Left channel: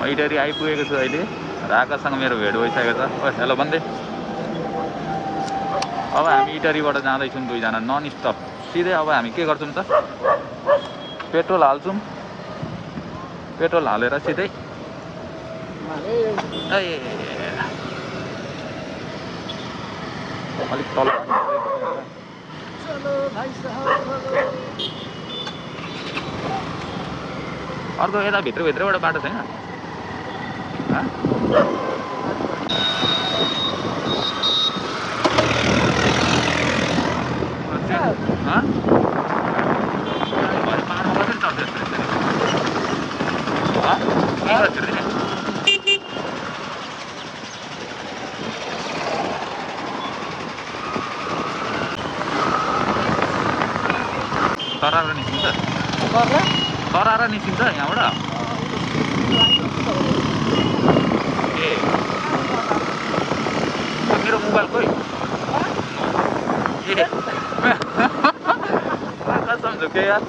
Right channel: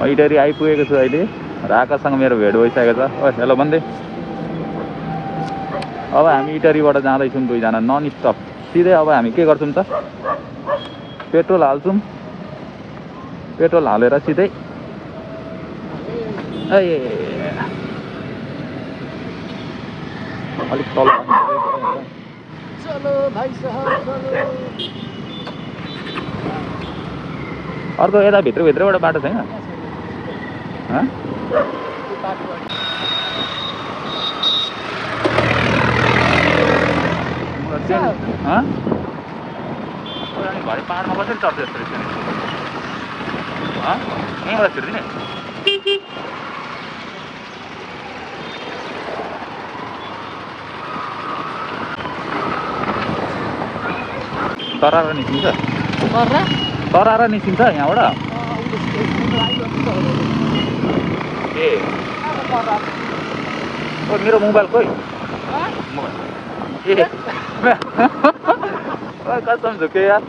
म इटरी आइपुगेको छु अहिले र आकाशसँग मेरो भेट भइसकेको छ। ओ हेलो भन्दै अब हामी इटरीबाट जाँदैछौँ दुईजना नन स्टप सिधै। अब हामी के गर्छौँ त पेट्रोल हाल्छौँ, पेट्रोल हालेर सिधै अलिक तल अर्को यता भित्रबाट बाटो छैन? भरे पाहाडमा कसरी चढ्छ यस्तो रहेछ नि? यहाँबाट छिर्दिने तरारा निस्किन्छ, तरारा निस्किन्छ यहाँबाट। ए मेरो मोबाइल खोइ ए कसम झुक्यो यार।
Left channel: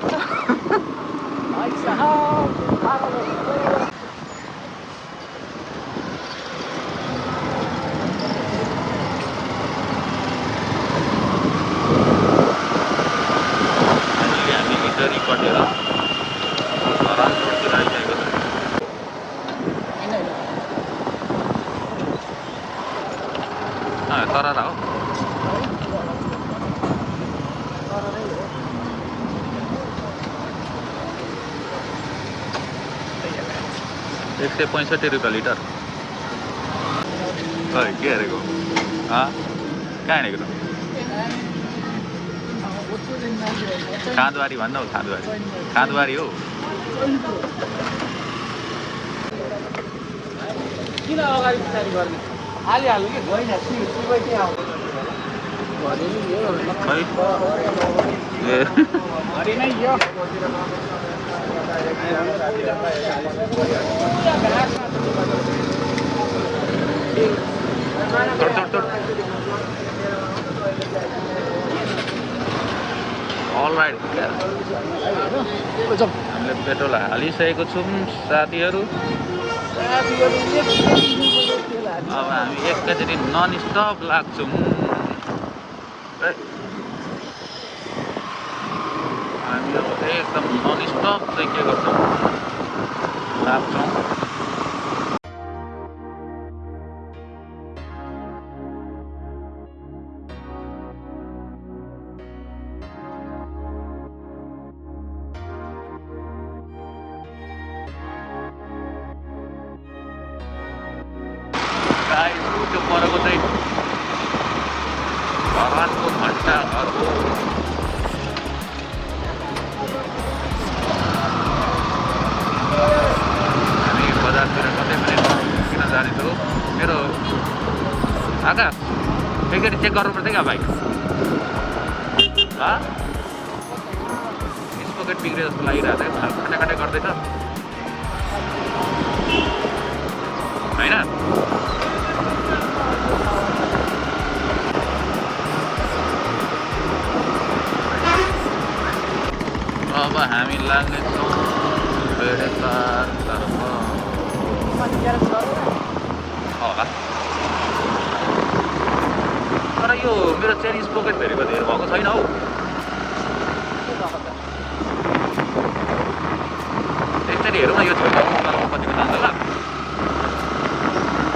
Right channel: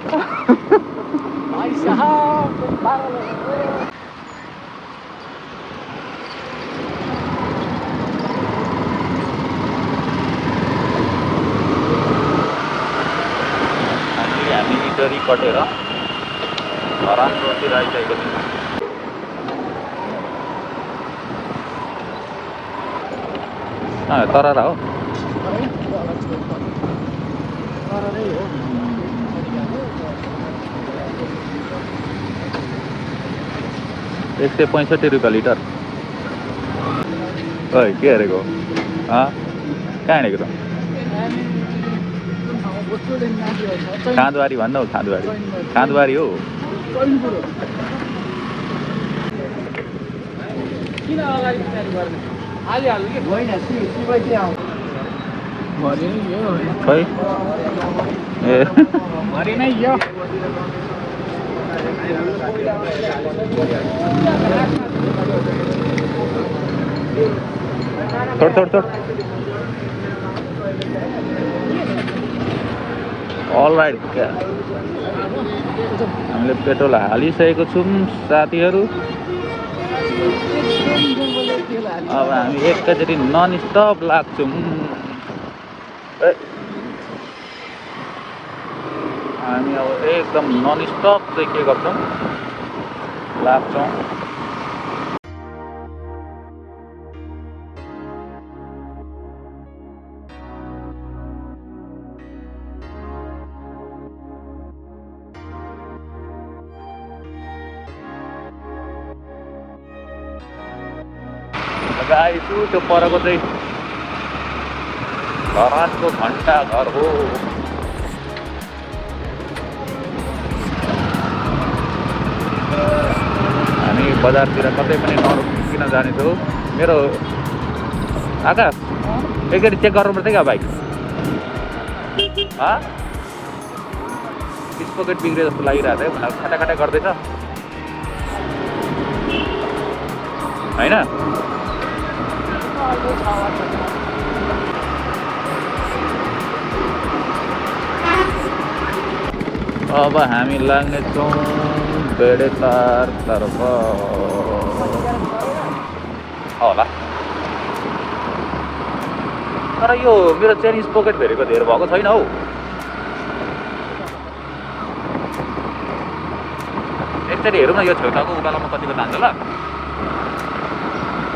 फाइनल्ली हामी इटरी कटेर धरान रोडतिर आइसकेको छौँ। तरारा हो। ₹165 लिटर। ओइ के हेरेको? कहाँ हिँडेको त? खाँदबारी भन्न हौ, खाँदबारी खाँदबारी हो। खै ए छोड अलराइट हामीले पेट्रोल हालिसकेको छौँ साथीहरू। अब हामी एकैचोटि नन स्टप लाग्छौँ। हामी अब एकदम नन स्टप चाहिँ के गर्छौँ लाग्छौँ। गाइस त्यो परको चाहिँ धरानको घन्टा घर हो। हामी बजारतिर कतै पनि नरोकिकन जानेछौँ। मेरो आकाश एकचोटि चेक गर्नुपर्छ क्या बाइक। स्पोकेट बिग्रियो जस्तो लागिरहेको छ, खटाखटा गर्दैछ होइन? अब हामी लाग्नेछौँ बेडेतारतर्फ होला। तर यो मेरो चेन स्पोकेट फेरेको धेर भएको छैन हौ। एकचोटि हेरौँ न यो छेउछाउको उकालोमा कतिको तान्छ ल।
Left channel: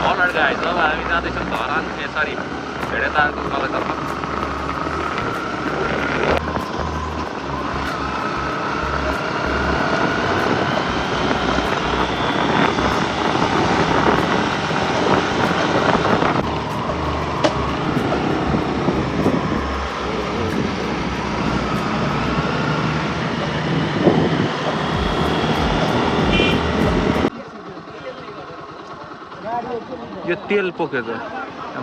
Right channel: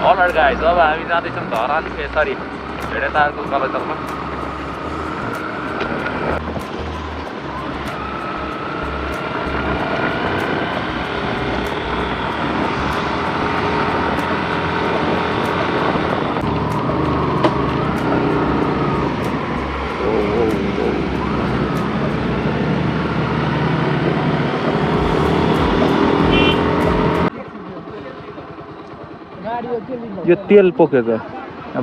अलराइट गाइस, अब हामी जाँदैछौँ धरान सरी भेडेतारको उकालोतर्फ। यो तेल पोखेछ।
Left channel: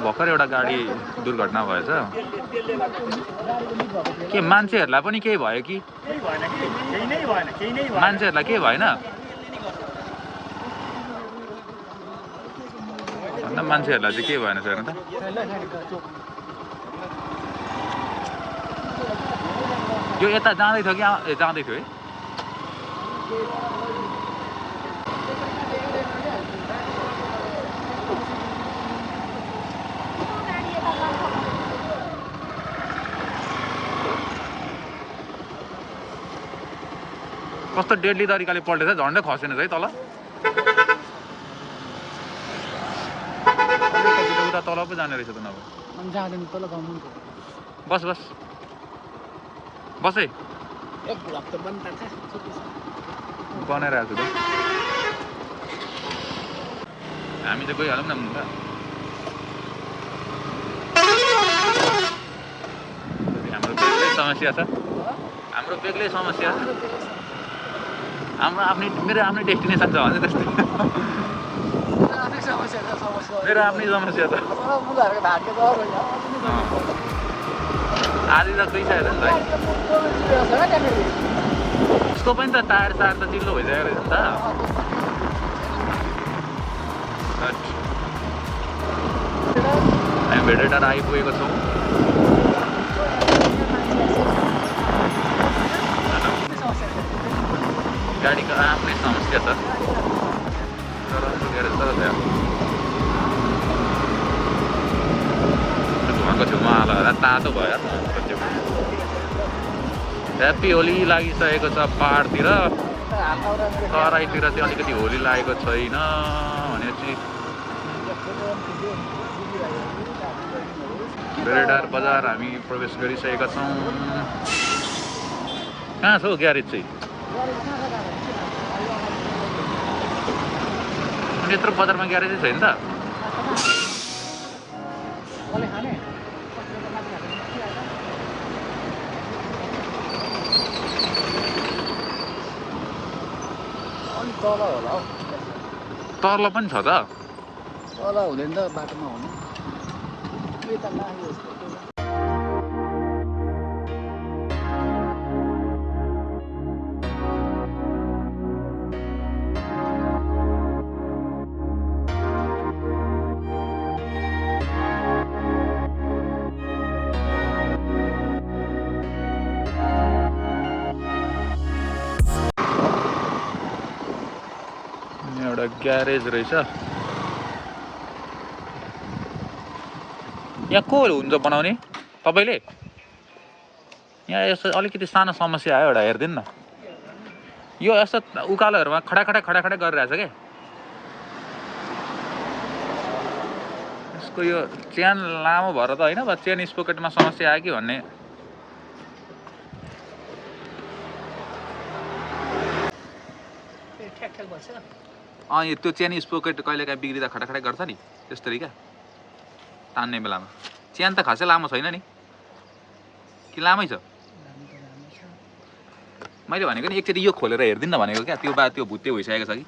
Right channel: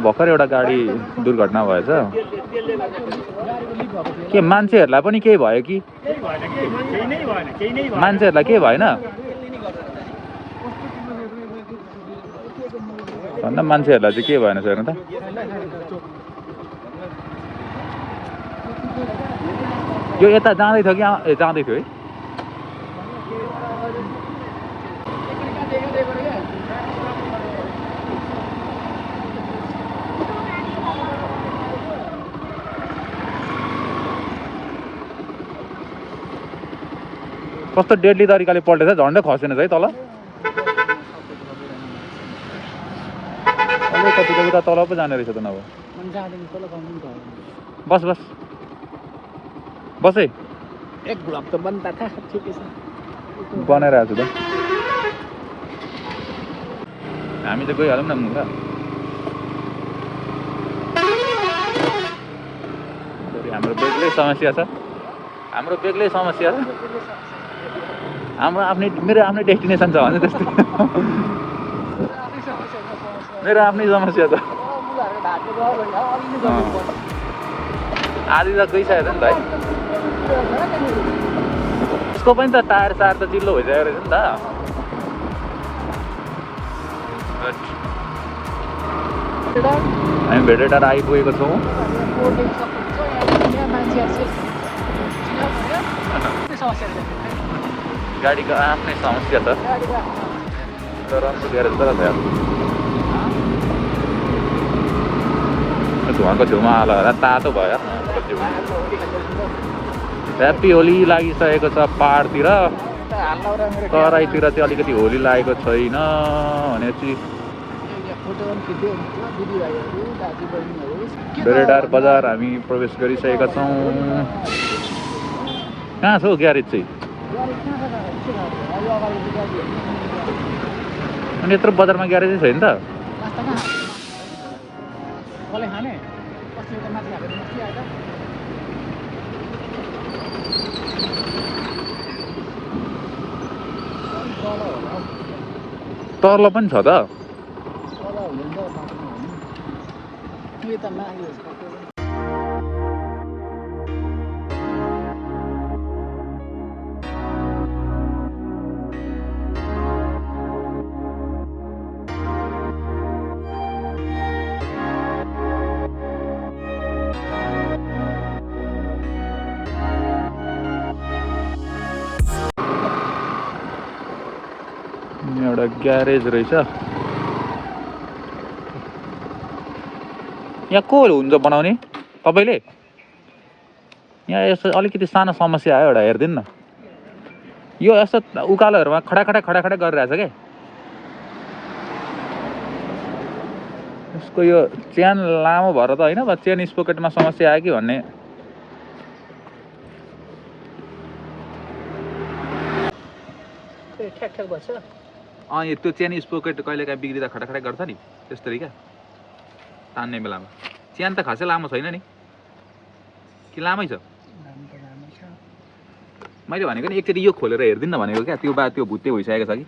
भर्खर एउटा गाडी दुर्घटना भएछ। के मान्छेहरूलाई पनि केही भयो कि? मान्छेहरूलाई केही भएन? भन्दा मान्छेहरूलाई चाहिँ के भएन हेर्नु त। यो यता जाँदै थियो कि जाँदै थियो है? कस्तो डेडली तरिकाले पल्टेछ झन्डै खसेन है तल अलिकति त उता तल पो जाने रहेछ त नभए बस बस बस है बनाइरहेको छु त हामी चाहिँ गइहालौँ न मुला हाम्रो बेग्लै समस्या छ हाम्रो बेग्लै समस्या छ हाम्रो आफ्नै मेरो आफ्नै डेस्टिनेसन छ भने त्यस्तै मेरो आफ्नै समस्या त आधी त गइसकेको छ नि त है उसको पनि त टायर सायर त चिल्लो भइसकेको रहेछ नि त हामी भेटेटार आइपुगेको छौँ गाडीको आफ्नै समस्या छ तर राम्रो ग्यारेज तर धुवाको छेउमा हाल तातो भयो ह्याप्पी होली लागिसकेको छ पाहाडतिर तराईतिर चाहिँ अलिकति होली लागेको छैन भनेपछि भेटेटार बजार हामी प्रवेश गरिसकेका छौँ कहाँ छ हौ ग्यारेज चाहिँ अनि यत्रो बजारमा ग्यारेजै छैन त तल पनि छ त एउटा ग्यारेज रहेछ यहाँ को हुन्छ बनाउने तपाईँले यहाँ यस्तो अलिकति सानो समस्या आयो एउटा हेरिदिनु न यो यस्तो उकालोहरूमा खडाखडा गरिरहेछ क्या यसको यो चेन लामो भएर त होइन चेन स्पोकेटमा समस्या आयो कि भन्ने यो त्यो चेन स्पोकेट कहिलेकाहीँ बिग्रिँदा खटाखटा गर्छ नि त्यस्तरी क्या तान्ने बेलामा चेन त खासै लामो छैन नि कि लामै छ मैले भनेको नि एकचोटि यो खोलेर हेरिदिनु न भनेको क्या त्यो त्यो भुत्ते भइसकेको छ कि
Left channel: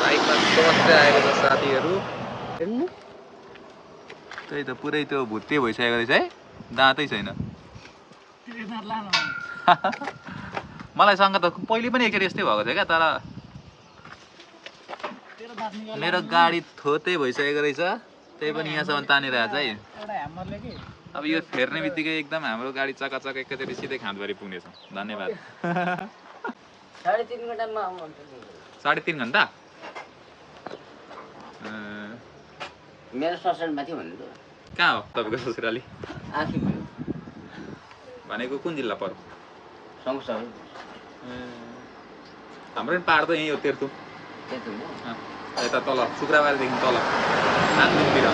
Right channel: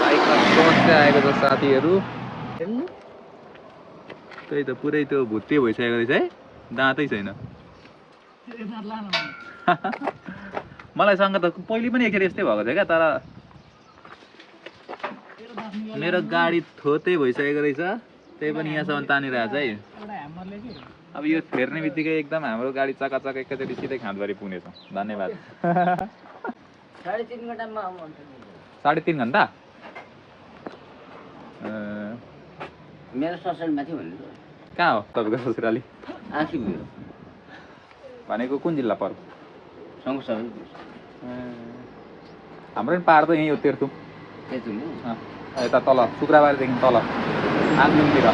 बाइकमा समस्या आएको छ साथीहरू त्यही त पुरै त्यो भुत्ते भइसकेको रहेछ है दाँतै छैन मलाई सँग त पहिले पनि एकचोटि यस्तै भएको थियो क्या तर मेरो गाडी थोतै भइसकेको रहेछ त्यही पनि यहाँसम्म तानिरहेछ है अब यो फेर्ने बित्तिकै एकदम हाम्रो गाडी चकाचक एकैचोटि सिधै खाँदबारी पुग्नेछ धन्यवाद 3.5 घन्टा मेरो ससुराली थियो भन्नु कहाँ हो तपाईँको ससुराली आखी भयो भनेको कुन जिल्ला पर्यो संसार हाम्रो पनि पाहाड त यहीँ हो तेर्थुम यता तल शुक्रबारदेखि तल आङदिनतिर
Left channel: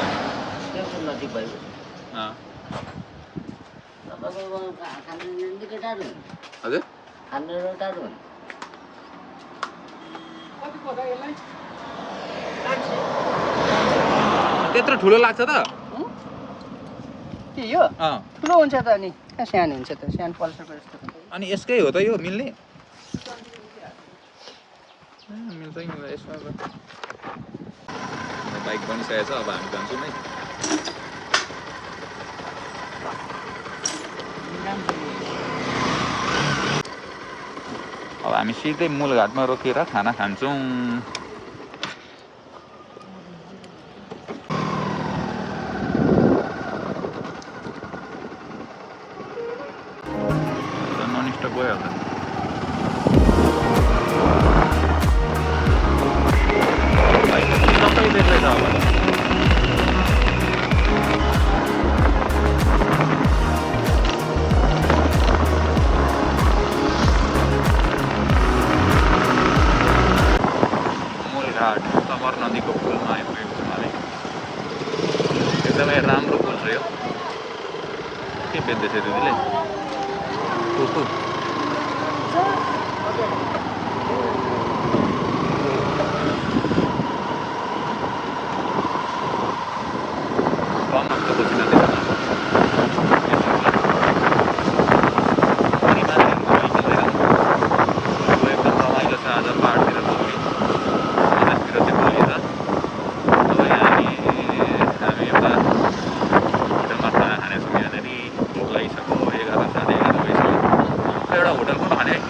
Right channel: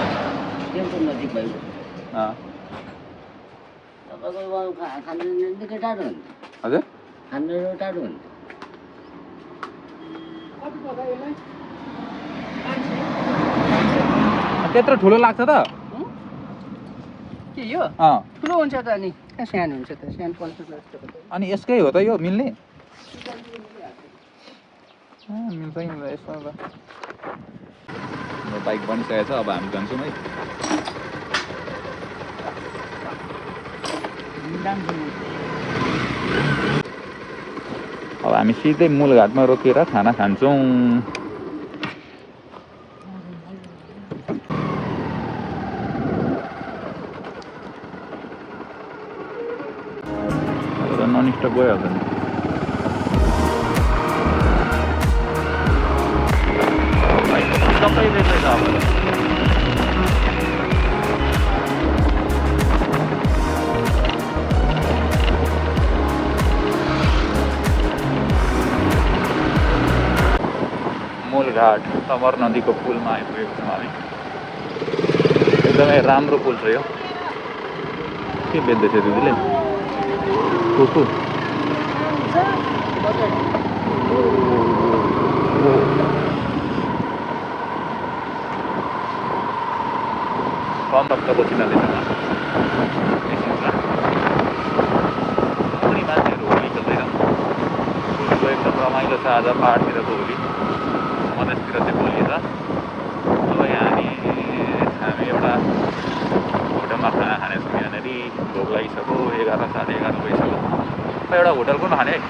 तेर्थुम नजिक भयो तपाईँको टाढो हुन्छ हजुर हाम्रो टाढो हुन्छ त्यत्रो ठुलो लाग्छ त के यो ठुलो हुन्छ त अनि सानो हुन्छ त सानो पल्सरको जस्तो अनि यसकै हो त यो मिल्ने मिल्छ यसमा त बाइक बनिसकेको छ अब हामी जान्छौँ है अब हामी सिधै मूलघाटमा रोकेर खाना खान्छौँ नन स्टप गइहाल्छ नि बेग्लै छ अब त मूलघाट तमर नदीको पुलमा आइपुगेको छौँ हामी एकदमै राम्रो पुल छ यो के बेच्दैछ दिदीले कुकु कम रक्तपछि नदीसँग पनि मान्छेहरू होली खेल्दैछन् होलीको एकदम रमाइलो छ आज पाहाडतिरको होली मधेसतिर चाहिँ होली छ अब हामी एउटा होटलमा खाना खानेछौँ यहाँनिर भोक लागिसक्यो 11 साढे 11 भइसक्यो एउटा होटल कुन खाने है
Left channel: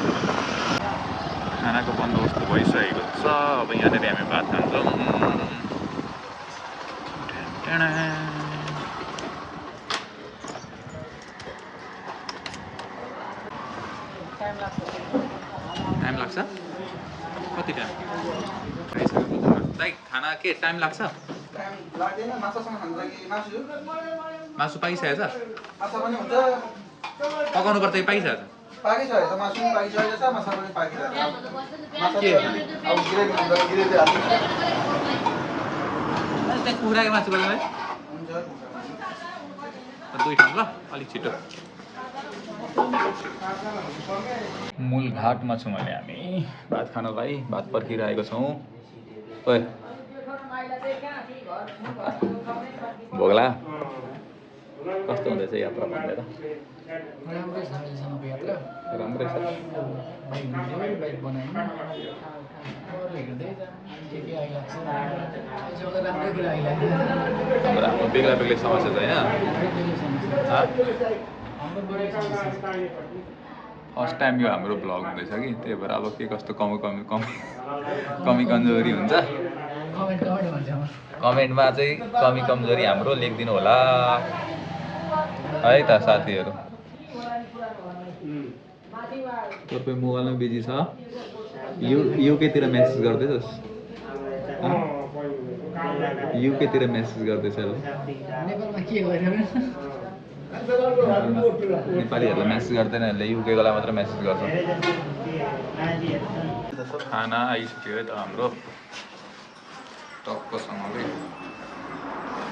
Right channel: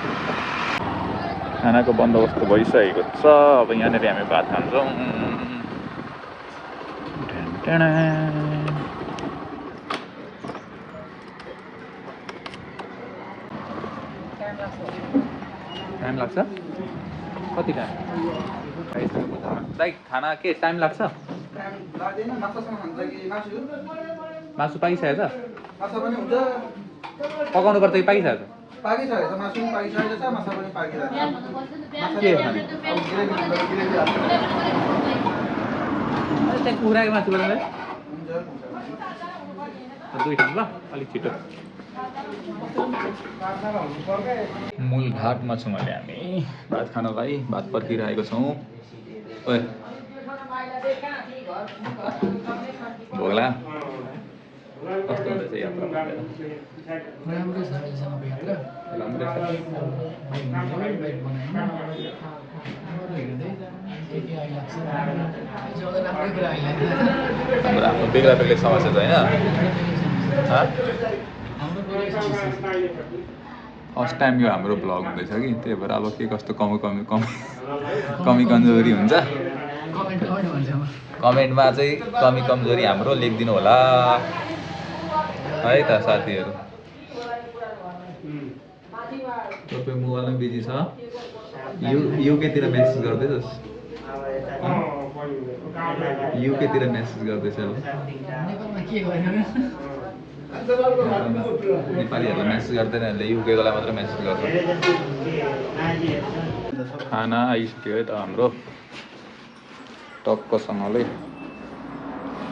खानाको बन्दोबस्त भइसकेको छ अब यहाँनिर हामी भात खान्छौँ टाइम लाग्छ कति टाइम दाइ खाना के टाइम लाग्छ मासु पाकिसकेको छ पकाउनु पर्छ कि पाकिसकेको छ के खाने त्यहाँ कुखुराको मासु बनाउँदै दुई ठाउँ ल अलिक छिटो मूलघाटमा छौँ अहिले हामी भात खानलाई भात पर्खिरहेको छौँ ओए भोगला कस्तो हुँदैछ यात्रा राम्रै छ अहिलेसम्मको यात्रा राम्रै छ बाइक बनायौँ हेर्दै के आइलाग्छ हाम्रो आफ्नो बेग्ला बेग्लै समस्या छ होइन फर्स्ट टाइम यो हाम्रो भ्लग हुँदैछ कि त्यही भएर अब के कस्तो कमी कमजोरी हुन्छ कमेन्टमा चाहिँ कमी कमजोरी हाम्रो लेखिदिनु होला है त साथीहरू तपाईँ मोबाइलमा बिजी छ युकेतिर मेसेज गर्दैछस् युकेतिर मेसेज गर्दैछ नेपालीहरूलाई मेसेज गर्दैन युकेकोलाई मात्र मेसेज गर्छ खाना आइसक्यो है त हाम्रो टक्कसँगले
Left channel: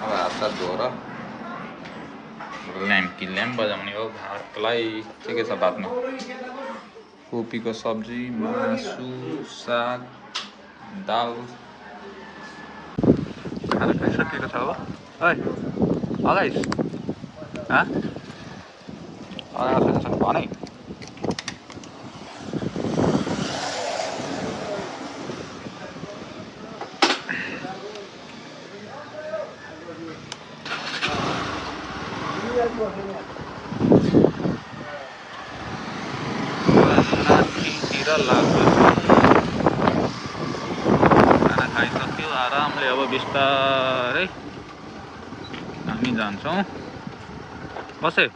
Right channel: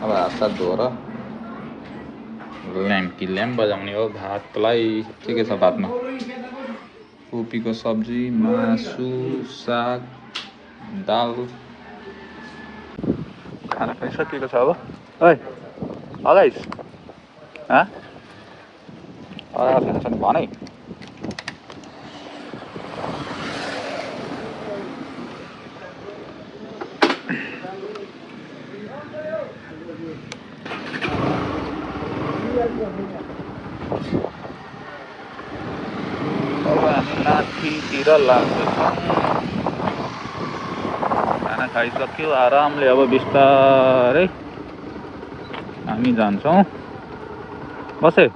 अब हातसात धोएर ल्याम्प बजाउने हो भातलाई के छ भातमा कोपीको सब्जी मासु साग दाल खाना खाइसकेको छ अब है अगाइस खाना छन् भने माथितिर लाग्दैछौँ खाना खाइसक्यो आरामले अब बिस्तारै हामी जान्छौँ बसे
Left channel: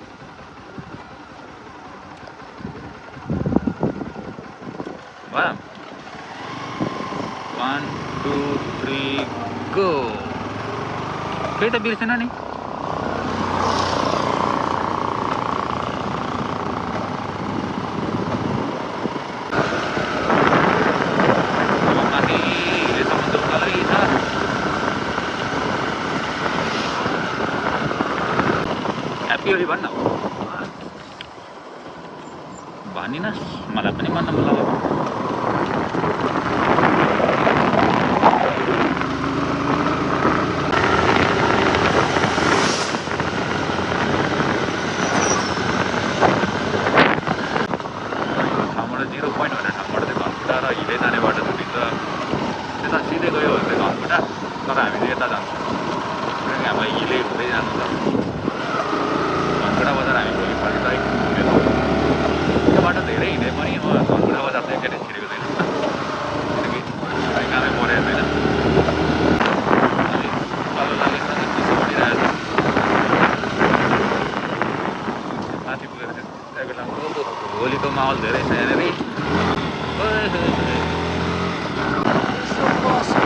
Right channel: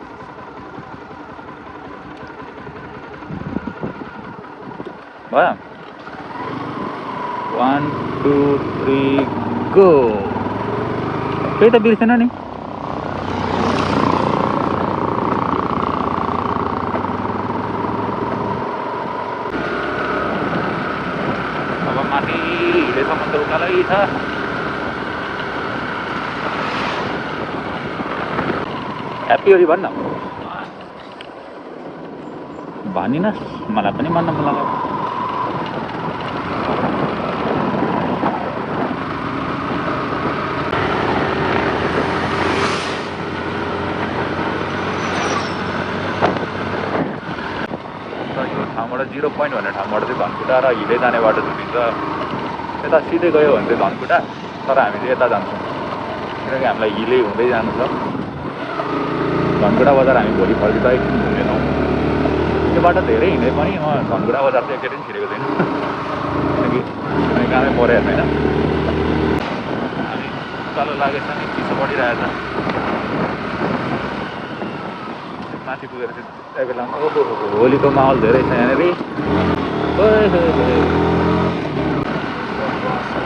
भयो 1 2 3 गो केही त बिर्सेन नि अब माथि हिलेसम्म त उकालै छ ह्याप्पी होली भन्न भनिनस् मलाई पनि मन लाग्यो ठाउँबाट 0 पोइन्ट भन्ने ठाउँबाट चाहिँ धनकुटा र हिले जाने बाटो छुटिन्छ यता सिधै गयो भने चाहिँ धनकुटा तर हामी चाहिँ यता जान्छौँ किनकि हामीलाई हिले हुँदै जानु छ धनकुटा बजार हामी भोलि फर्किँदा एकछिन घुम्नेछौँ त्यो बाटो धेरै हिँडे पनि म धनकुटा बजार चाहिँ एकैछिन छिरेको छैन किनकि कामै परेको छैन हामी उकालो लागेको छ नि चिसो बढिरहेको छ माथि पुगेर चाहिँ बेलामा ओहो होलीको माहौल धेरै छ यहाँनिर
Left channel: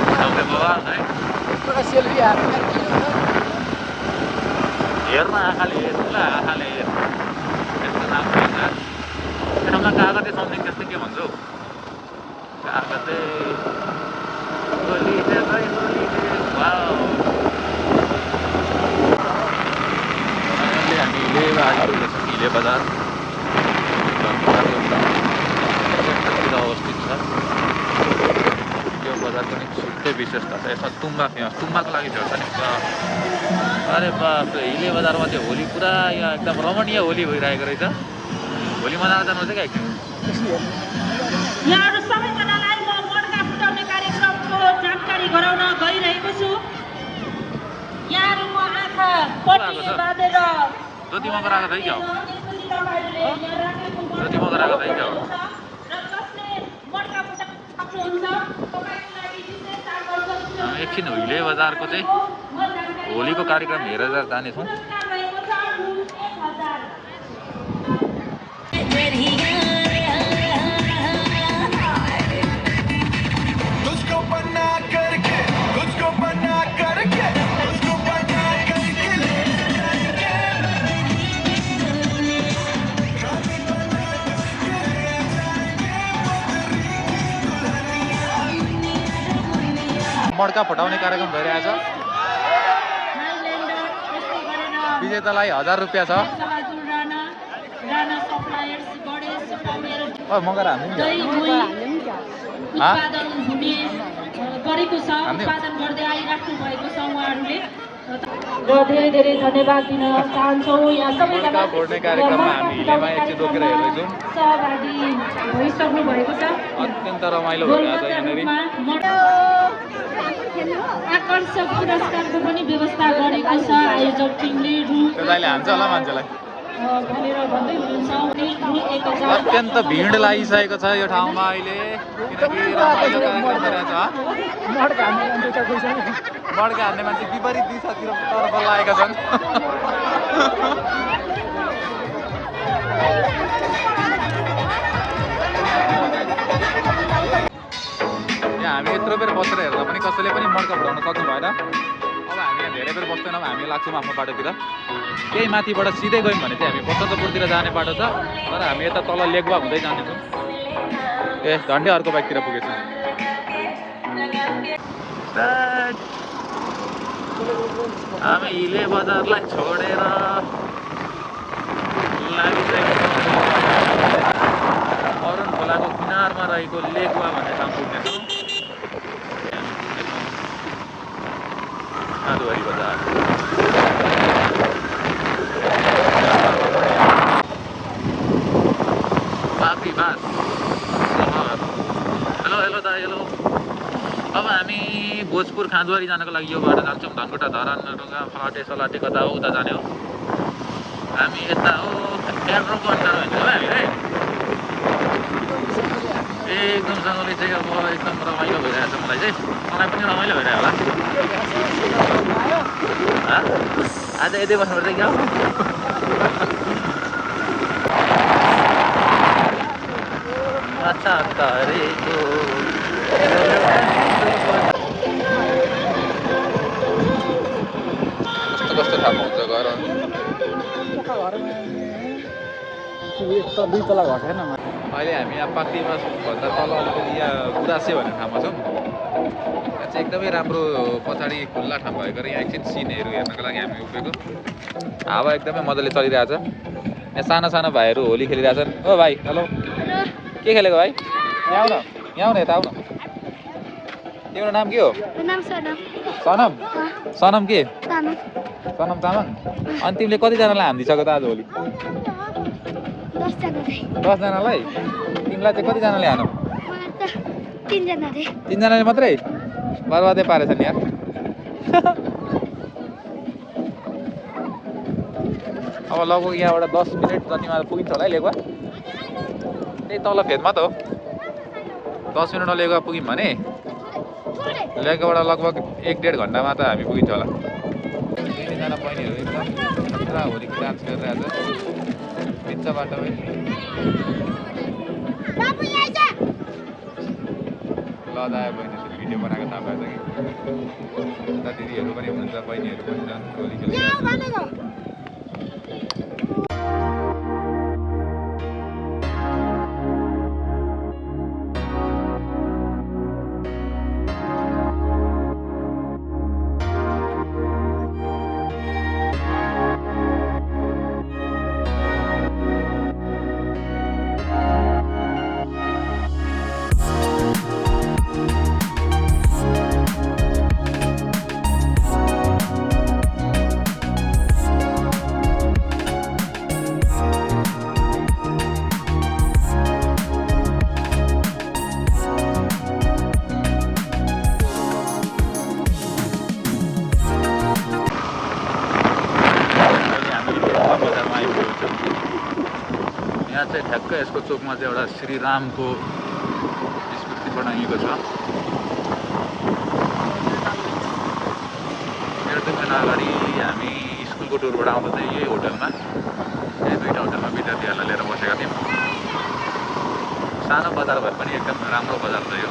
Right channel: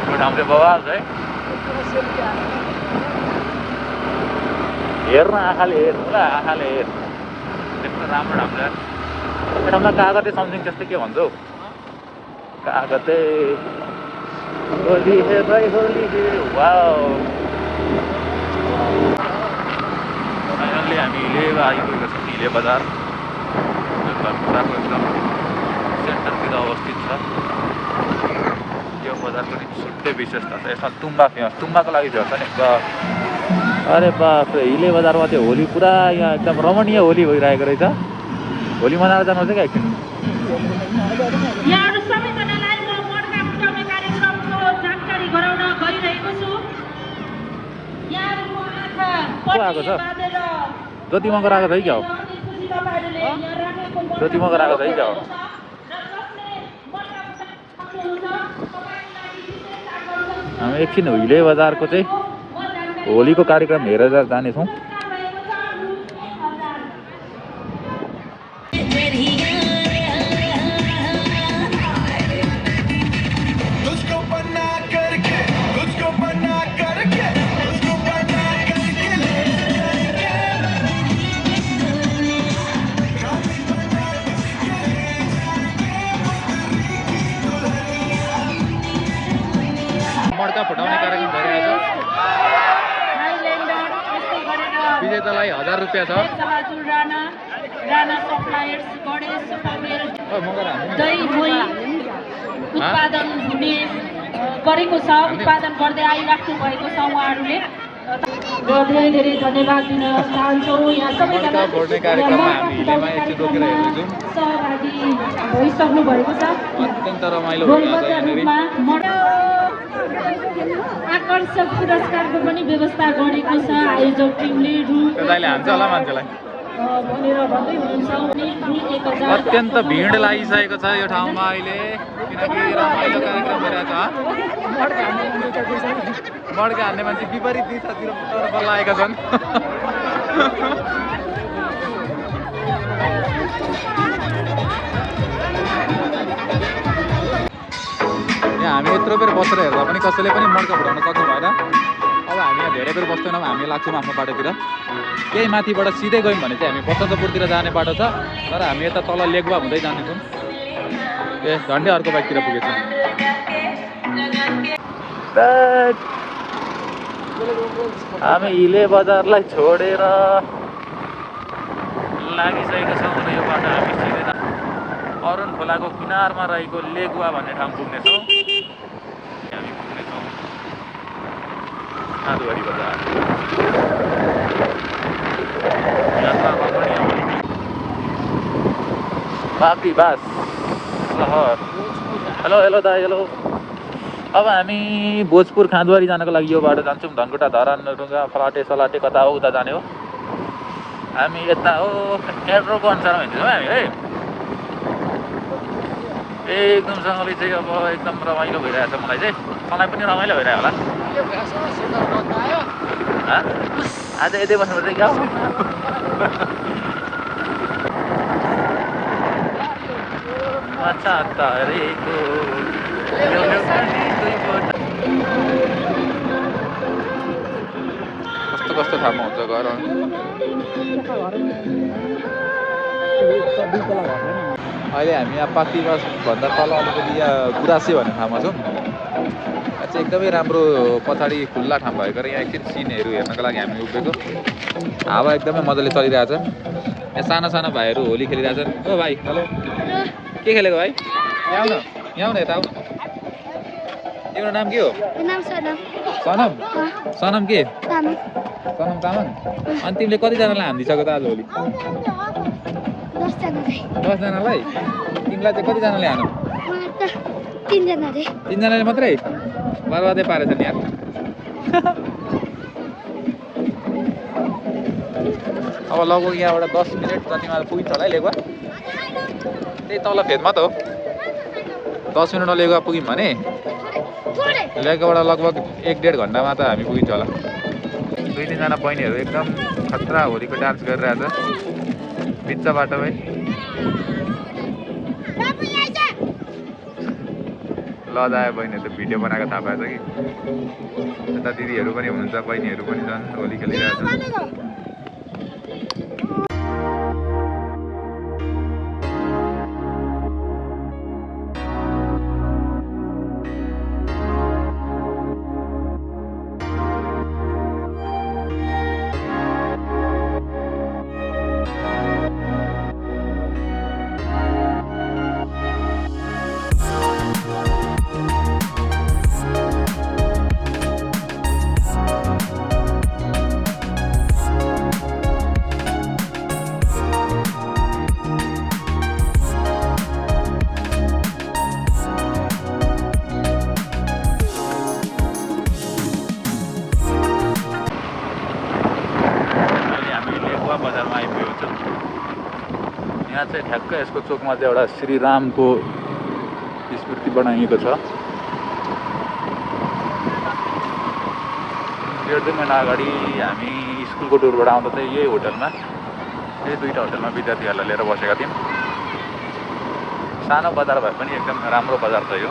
गुड हाम्रो बवाल है हेर्न आँखाले हेर ल आँखाले हेर यस्तो राम्रो हुन्छ एडममा कागते सम्झिङ त्यस्तै के भन्छौ कागते होली हे भाइ होली हे वाउ अहिले हामी हिले आइपुगेको छौँ हिले बजार सेन्टरतिर अवस्थित छ यो बजारको नि छुट्टै विशेषता छ यसमा तुम्बा फेमस तुम्बाको लागि फेमस छ नि अरे बाप रे हिले बजारमा चाहिँ होली पुरा यहाँ एकदम रमणीय होली भइरहेको रहेछ होली मनाएर जानु चाहिँ क्या एकछिन यहाँहरू सबैजनालाई म मर्का फुटाउने कार्यक्रमको जानकारी गराउन गइरहेको छु यहाँहरूको आँखा को आएको छ ज्योति मगर आएको छ है क्या हो ज्योति मगर आएको छ है क्या हो हामी एकछिन हिले बजारको चाहिँ होलीको कार्यक्रम हेरेर जानेछौँ मड्का फुटाउने कार्यक्रम भइरहेछ विजेतालाई 1000 रुपियाँ छ गरेको छ उत्पादन गर्दै आइराख्नु भएको छ उहाँहरूले धेरै धेरै धन्यवाद दिन चाहन्छौँ यहाँ सबैजना सहभागी भइसक्नु भएको छ अत्यन्त रमाइलो रूपमा आकर्षक पुरस्कारको पनि व्यवस्था गरेको छ आयोजक टिमले हान्छ होला मान्छेलाई भनेर भन्दै हुनुहुन्छ अत्यन्त भिड लागिसकेको छ यो ठाउँमा अहिले किनकि रमाइलो कार्यक्रम भइरहेछ मड्का हान्ने मान्छे विपरीत दिशातिर तर्फ लागेका छन् यहाँ हामी यत्रो बेर बसेर हेर्दा पनि कसैले पनि मड्का फुटाउन सक्नु भएन अब हामी यहाँ धेरै बेर बस्दैनौँ हामी लाग्छौँ आफ्नो बाटोतिर केही माथिबाट सिधै गयौँ भने चाहिँ हामी बसन्तपुरतिर जाने बाटो छ तर हामी यता तल लेगवा हुँदै जानेछौँ ए झन्डै अर्को बाइकतिर पुगेछौँ हामी हिले बजारलाई छोडेर लागिसकेको छौँ अरुण खोलाको किनारमा रहेको लेगवा भन्ने ठाउँ पुग्नेछौँ खाँदुवारी बजार बास सहर हेलो हेलो दा हेलो अब हामी भोजपुर खाँदुवारी जानको लागि यो बाटो जान्छौँ धनकुटा धरान ढुङ्गा फलाटे सलाटे कता हो उता जाने हो हामी यता हो एड्रोको अनुसारमा हिँड्छौँ हामी है एकदमसँगले चाहिँ अब एकदम रमाइलो भइरहेछ मलाई चाहिँ तँलाई पनि रमाइलो भइरहेको होला आज यतै बस्नुपर्छ क्या हो अच्छा तारेको अहिले हामी यहाँ पाक्रीबासभन्दा तल अलिकति यहाँ गुराँसे भन्ने ठाउँमा छौँ यहाँ चाहिँ एकदमै राम्रो पछाडि खुल्ला ठाउँ भएको र यहाँ एकछिन सिनहरू हेर्नको लागि हामी उभिएको हावा एकदमै मजाले चलिरहेछ यहाँ साना साना भाइहरू होली खेलिरहेछन् ओ भाइ हेलो के खेलेको भाइ यहाँ आउन यता आउन तिम्रो नाम के हो सनम सनम के सनम तामाङ अनि तिमीले कतिजनालाई हानिदिइसक्यो त आज होली 10 जनालाई तिमीलाई चाहिँ कतिजनाले हानौ 3 जनाले मात्रै बर्बादै पारेछ नि यहाँ अब लगभग यहाँबाट 10 मिनट जतिमा पुगिन्छ होला है लेगुवा त्यही तल फेदमा त हो 10 मिनटमा लेगुवा पुग्यौँ भने लेगुवाबाट लगभग 1-1.5 घन्टामा त हामी पुगिन्छ होला 2-3 जना बहिनीहरू एकदम खतरा होलीको डान्स गरिरहेछ बिच बाटोमै ल दायो बहिनीहरू भिडियो बनाएको थाहा पाएछ कि यता दिदीहरू पनि हुनुहुन्छ, बहिनीहरू पनि छन्, होली खेलिरहेको छ। ठ्याक्कै यसको चोकमा चाहिँ एउटा श्रीरामको स्मृति बनाइएको छ। 1.5 महिना अगाडि हामी स्कुलको टुरबाट आउँदा चाहिँ यही होटलमा, यही दुईवटा होटलमा विद्यार्थीहरूलाई लिएर बसेका थियौँ। सानो बजार भए पनि एकदम राम्रो बजार छ यो।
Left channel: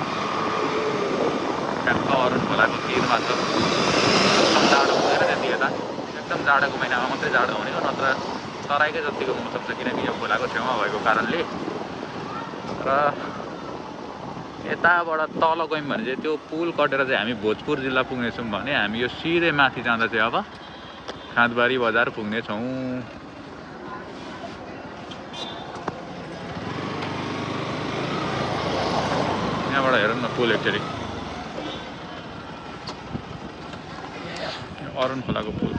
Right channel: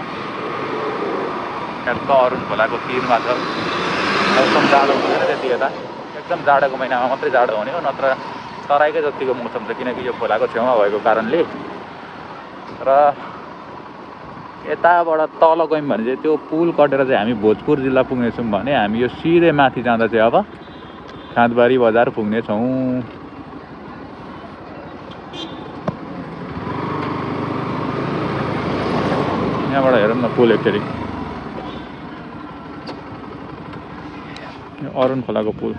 ठ्याक्क अरुण खोलाको तिरमा छ। मौसम जाडो हुँदैन त्यति यता, एकदम जाडोको महिनामा मात्रै जाडो हुने हो, नत्र तराईकै जतिको मौसम छ, किनकि यो खोलाको छेउमा भएको कारणले। र यताबाट तल गयौँ भने चाहिँ त्यो पुल कटेर चाहिँ हामी भोजपुर जिल्ला पुग्नेछौँ भने हामी यो सिधै माथि जाँदा चाहिँ अब खाँदबारी बजार पुग्नेछौँ। यहाँबाट हेरौँ न पुल एकचोटि, अरुण खोलाको पुल।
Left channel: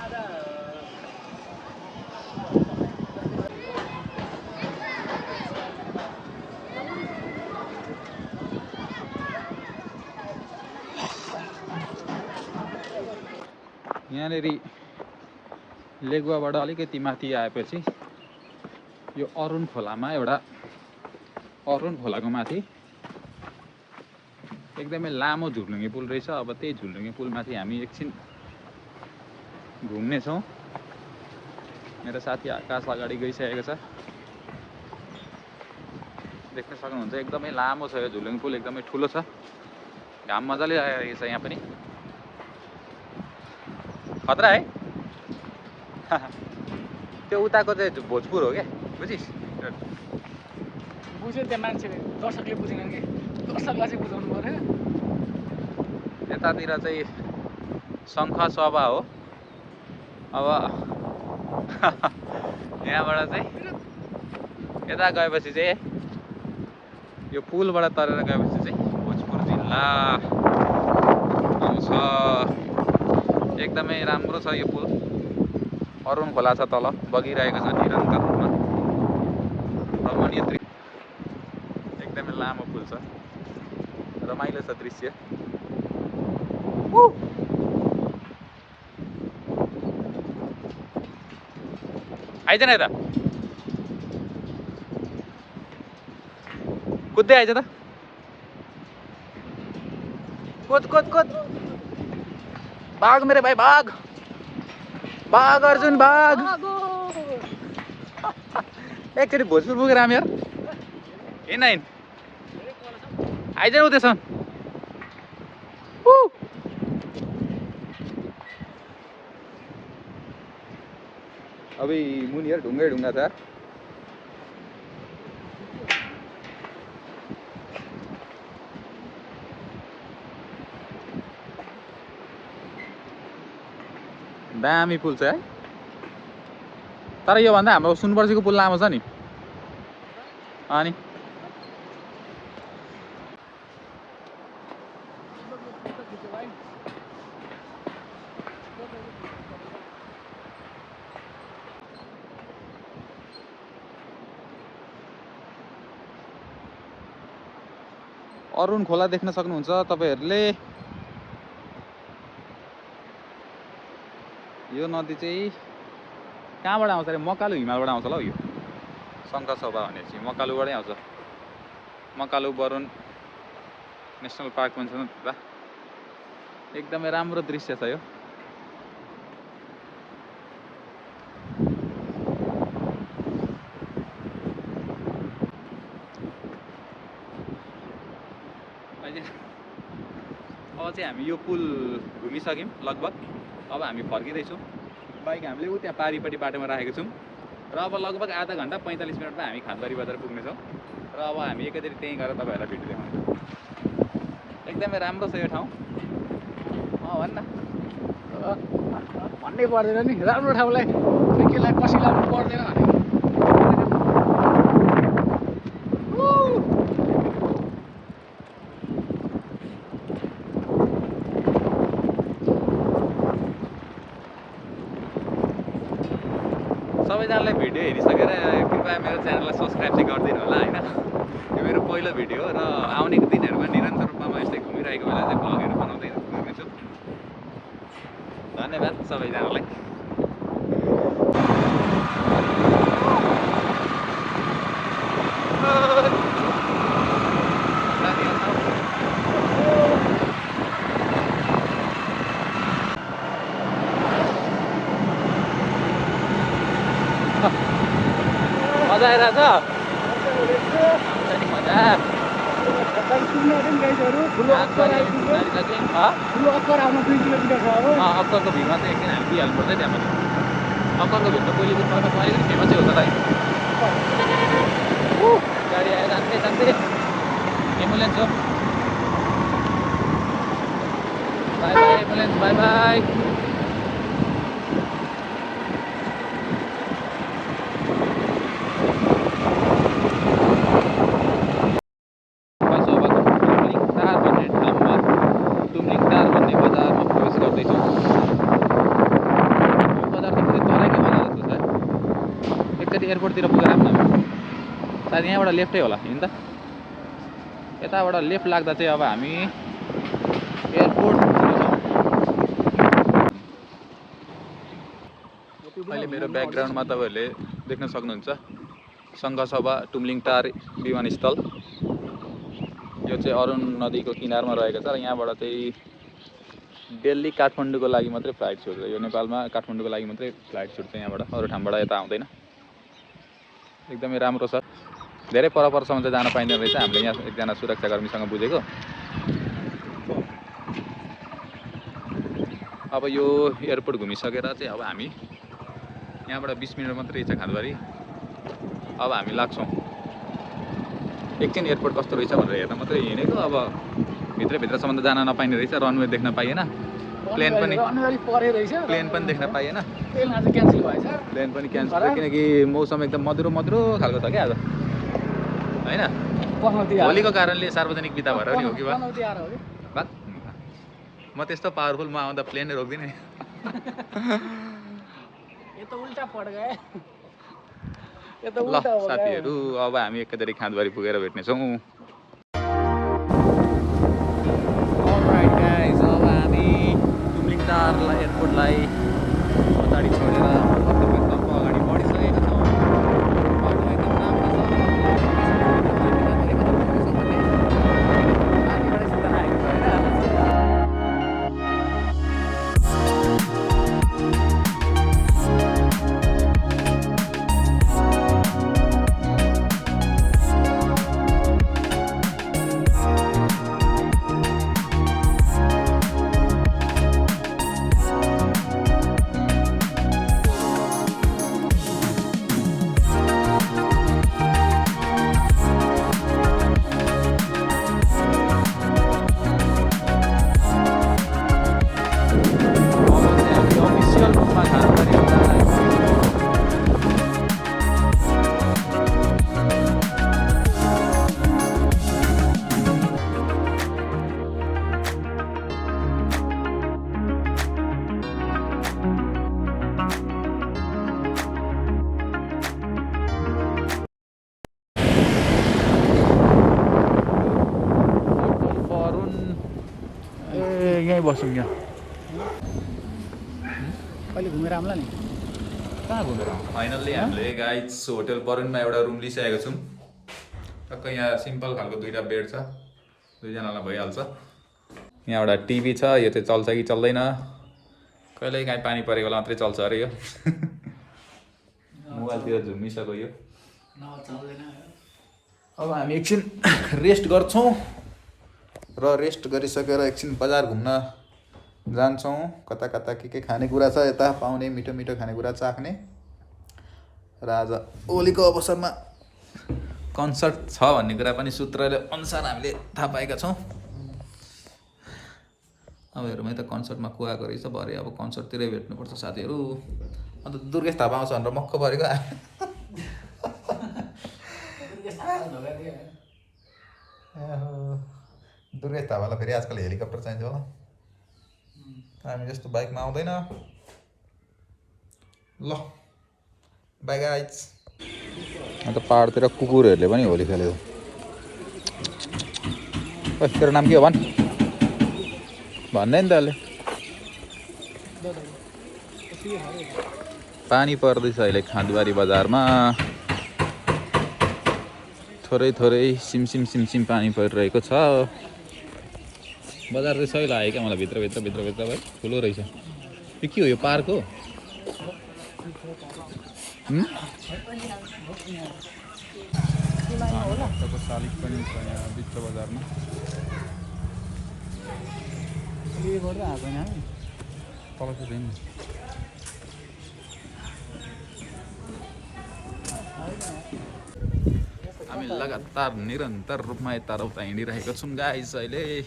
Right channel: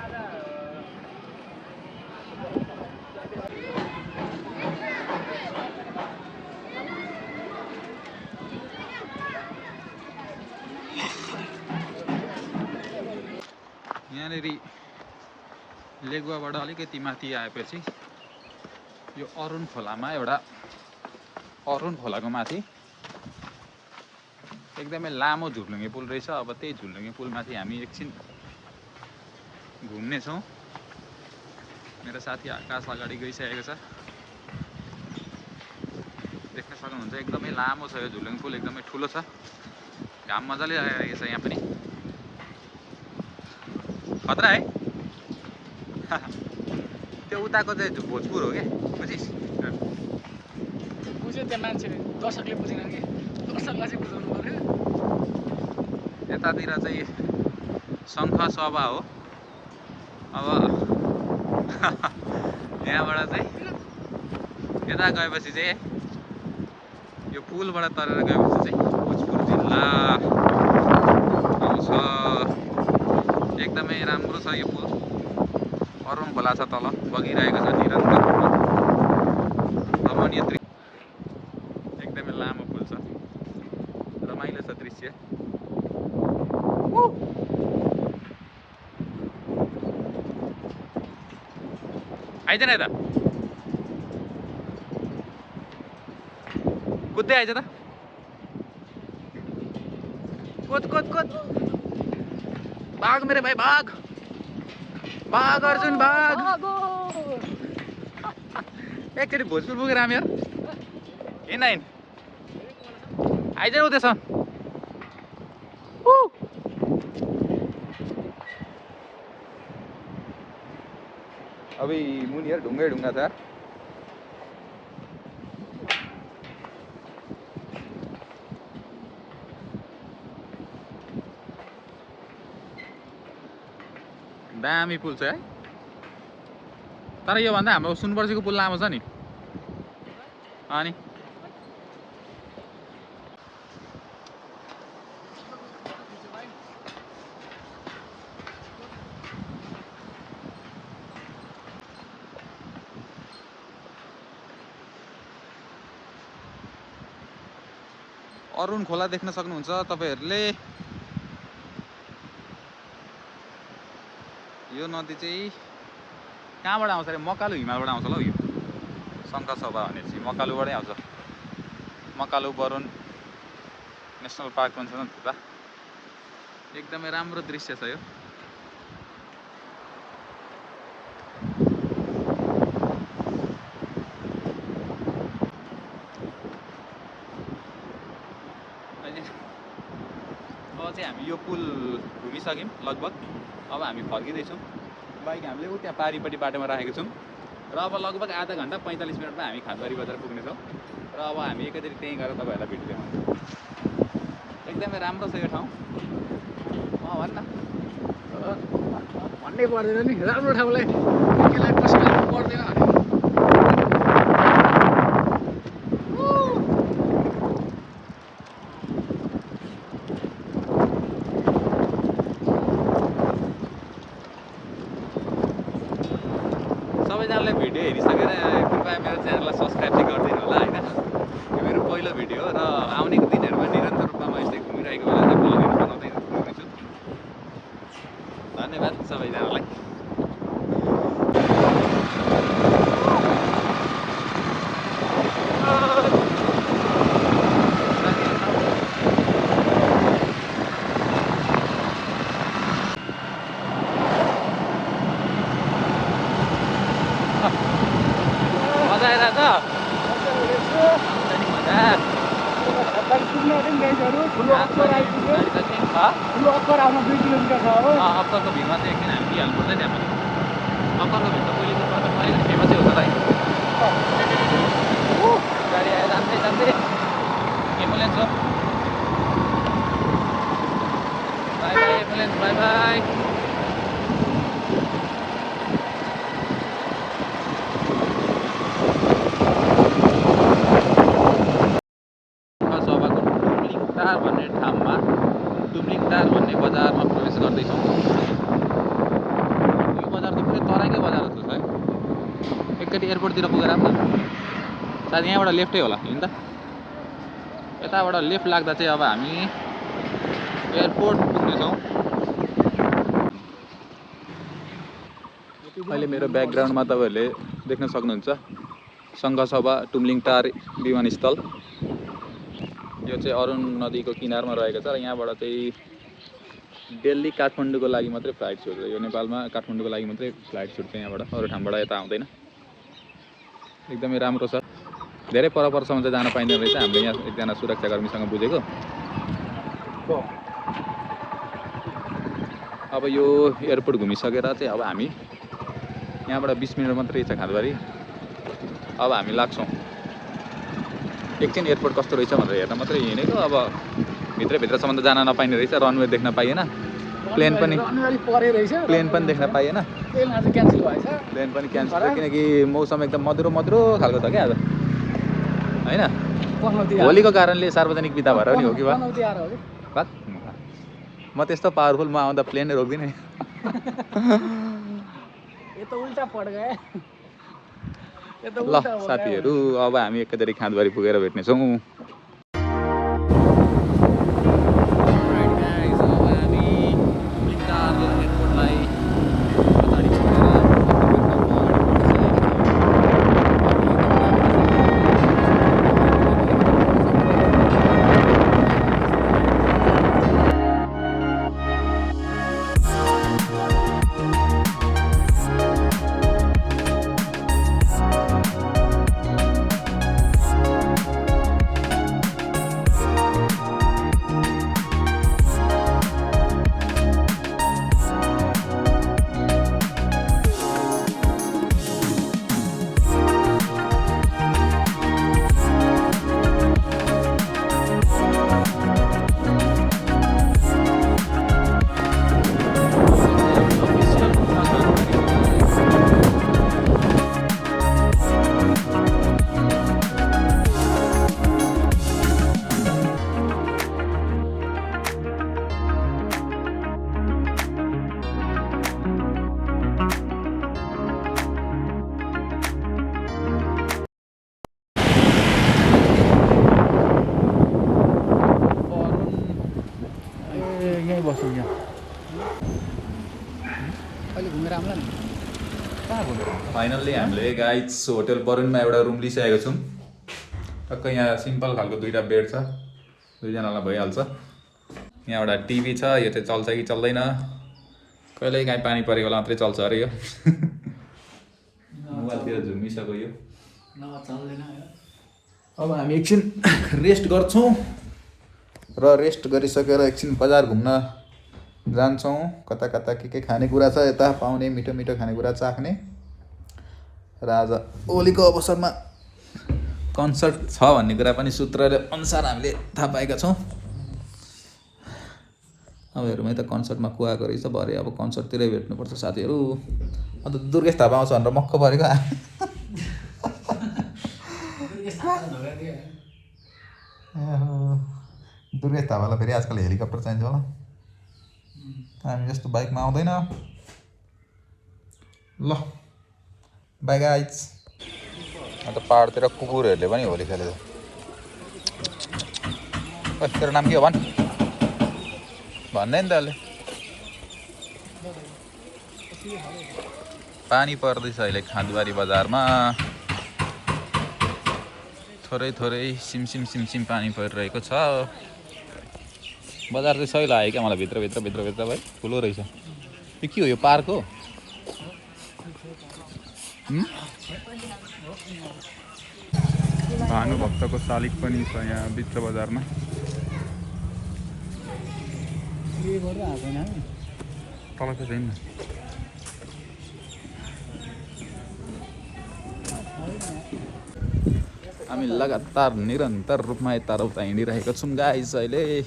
यहाँनिर लेगुवाबाट अलिकति माथि आएपछि यो अरुण खोलामा एउटा, अरुण खोलाको माथि एकदमै लामो झुलुङ्गे पुल रहेछ। अब त्यही झुलुङ्गे पुलमाथि हामी एकछिन घुम्नेछौँ। मेरो साथी आकाश अगाडि गइसकेको छ, देख्न सक्नुहुन्छ एकदमै लामो छ यो झुलुङ्गे पुल, एकदमै ठुलो छ। घाम मजाले आइरहेको छ यहाँ पनि, खतरा है। त्यो उताको चाहिँ भोजपुर हो क्या, बुझिस्? बुझ्यो त मान्छे, दर्शकले बुझेन कि, दर्शकलाई चाहिँ बुझाउनु पर्यो। यतातिर चाहिँ शङ्ख सभा हो। अब यहाँबाट चाहिँ यता गएपछि चाहिँ यो पुलबाट तरेर गएपछि चाहिँ भोजपुर जिल्ला आउँछ। एकदमै राम्रो छ यो पुल। अरुण खोला छ तल, बगिरहेको छ निरन्तर रूपमा, रमणीय दृश्य। एकदमै लामो पुल छ, रमाइलो छ दृश्य। आइज न यता, कुद्दै आइज त। कुद कुद कुद, भाग मेरे भाइ भाग, भाग अर्जुन भाग। एकचोटि भोजपुर पुगेर हामी यार, हिँड हिँड, आइज न उतैसम्म। अब मुनि यार ढुङ्गै ढुङ्गा छ। दामी पुल छ है, तर योभन्दा हाम्रो सुनपर्सीको पुल लामो छ नि। अनि अरुण खोला देख्न सक्नुहुन्छ तपाईहरुले। यो नदी चाहिँ कहाँबाट आउँछ रे? मकालु हिमालबाट आउँछ ल। यो शङ्ख सभा भनेपछि मकालुबाटै आउँछ। मकालु बरुण नेसनल पार्क पनि छ नि त। एकदमै राम्रो दृश्य छ यो। अब चाहिँ हामी हामी यो पुल घुमिसक्यौँ लगभग। अब हामी फर्किँदैछौँ। बाइक हामीले ऊ त्यहाँ पारिपट्टि बाटोमा राखेको छौँ र अब लगभग आधा घन्टा 45 मिनटमा हामी खानबारी बजार पुग्नेछौँ र अब हामी एकैचोटि त्यहीँ गएर तपाईँहरूलाई भेट्दैछौँ। एकदमै राम्रो छ यो ठाउँ। भन्न भन्नै पर्दैन नि, राम्रो ठाउँलाई त्यसलाई कसैलाई पर्दैन भने सबैजनालाई भिडियो हेरिसकेर कृपया मेरो च्यानललाई सब्सक्राइब चाहिँ गरिदिनु होला होइन। यो मेरो पहिलो भिडियो हो र आउनेको दिनहरूमा निरन्तर रूपमा म यस्तै घुमिरहेको बेला चाहिँ ब्लगहरू बनाउँदै घुम्नेछु। धन्यवाद सबैजनालाई। मजा आइरहेछ मजा। अक्करको भिडमा चाहिँ एकदिन हामी दिइहाल्नु पर्छ त्यहाँ पनि। अक्करको भिड त पहिले पनि फेमसै हो त भाइ। गाडी आएर जाँदै जाँदै एम्बुलेन्स हो। Bye bye ambulance, bye bye. Tumlingtar भन्ने बजारमा प्रवेश गर्दैछौँ। यो बजार त पुरै तराईकै बजार जस्तो छ है। एकचोटि एयरपोर्टतिर पुगेर आऊँ न। सायद यहाँबाट लेफ्टै होला होइन त। यताबाट लेफ्ट लाग्दा चाहिँ अब हामी एयरपोर्ट पुग्नेछौँ। अहिले मेरो ब्याकग्राउन्डमा तपाईँहरूले देख्न सक्नुहुन्छ सङ्घसभा टुम्लिङटार विमानस्थल। यो चाहिँ अरुण नदीको किनारमा रहेको छ र यहाँबाट चाहिँ दिल्ली काठमाडौँको लागि मात्रै फ्लाइट छुट्छ। यो नेपालमा काठमाडौँको लागि मात्रै फ्लाइट छुट्छ यहाँबाट, अरू ठाउँबाट यता आउँदैन। एकदमै राम्रो छ। धेरै परसम्म चाहिँ जान पाइँदैन रहेछ। हामीले यहाँ एकजना सुरक्षाकर्मीसँग बुझेको। अब यो एयरपोर्ट घुमिसकेर चाहिँ अब हामी यहाँबाट 20 मिनट मात्रै रहेछ खानबारी। अब हामी लाग्छौँ। एकछिन एयरपोर्ट कस्तो रहेछ भनेर हेर्न मात्रै हिँडेको। अब भित्रसम्म त जान नपाइने रहेछ। रनवे देख्न पाइएन। प्लेन पनि देख्न पाइएन। प्लेन पनि क्यान्सल भयो किनकि मौसम एकदम मधुरो खालको छ क्या आज होइन। होलीको कारणले सार्वजनिक बिदा भएर पनि हो कि बा म त्यस्तो पावरफुल। म आउँदा प्लेनै रोक्दिनँ। ल साथीहरू अब हामी एकैचोटि खाँदबारी पुगेर भेट्नेछौँ। अब हामी टुम्लिङटार एयरपोर्टलाई पछाडि छोडेर अगाडि बढिसकेका छौँ। यहीँ बसौँ यहाँ। अहिले घुमेर आउँला नि। कहाँ घुमेर फाइनल्ली हामीले गाइज होटल बरुनमा एउटा रुम लिइसकेको छौँ। टक्क यहाँ सिम्पल खालको 2टा बेड छ। 2जनालाई भइहाल्छ। यहाँ एउटा टिभी छ। यो चाहिँ चल्छ कि चल्दैन। कहिल्यै काहीँ पानी परेको बेला मात्रै चल्छ अरे यो। मोबाइलतिर झुमिसक्यो यो। अब हामी एकछिन रेस्ट गर्छौँ। र रेस्ट गरिसकेर एकछिन बजार घुम्न जान्छौँ। कता कता के खानेकुरा छ यता पाउने मिठो मिठो खानेकुरा चाख्ने। र आज होलीको अवसरमा कन्सर्ट छ भन्ने कुरा पनि सूत्रले अनुसार हामीले थाहा पाएका छौँ। अब हेरौँ त कन्सर्टमा को आएको रहेछ। भरे अब कन्सर्टतिरै भेट्नुपर्छ साथीहरू। अन्त दुर्गेश थापा आउँछ भनेर मक्क परेको। दुर्गेश थापालाई फेरि आजकल हेलिकप्टर चाहिन्छ होला। हामी जस्तो बाइकमा आउँदैन। ल बाई गाइज। अन्त पाहाडतिर कुकुरहरूले पनि होली खेल्यो। तेरो नाम के हो भन्? भन्दै नि त अहिले। पानी पर्दैछ अहिले खाँदबारी बजारमा। थोरै थोरै सिमसिम सिमसिम पानी परिरहेको छ। बजार चाहिँ सही लाग्यो क्या मलाई। भित्र भाइ ठुलो रहेछ। त्यो के हो यो पार्क हो? भानुभक्तको शालिग पनि छ यहाँ बिच बजारमा। तल चाहिँ छैन। हामी लगातार निरन्तर रूपमा यताउता हिँडिरहेका छौँ गाइस। अहिले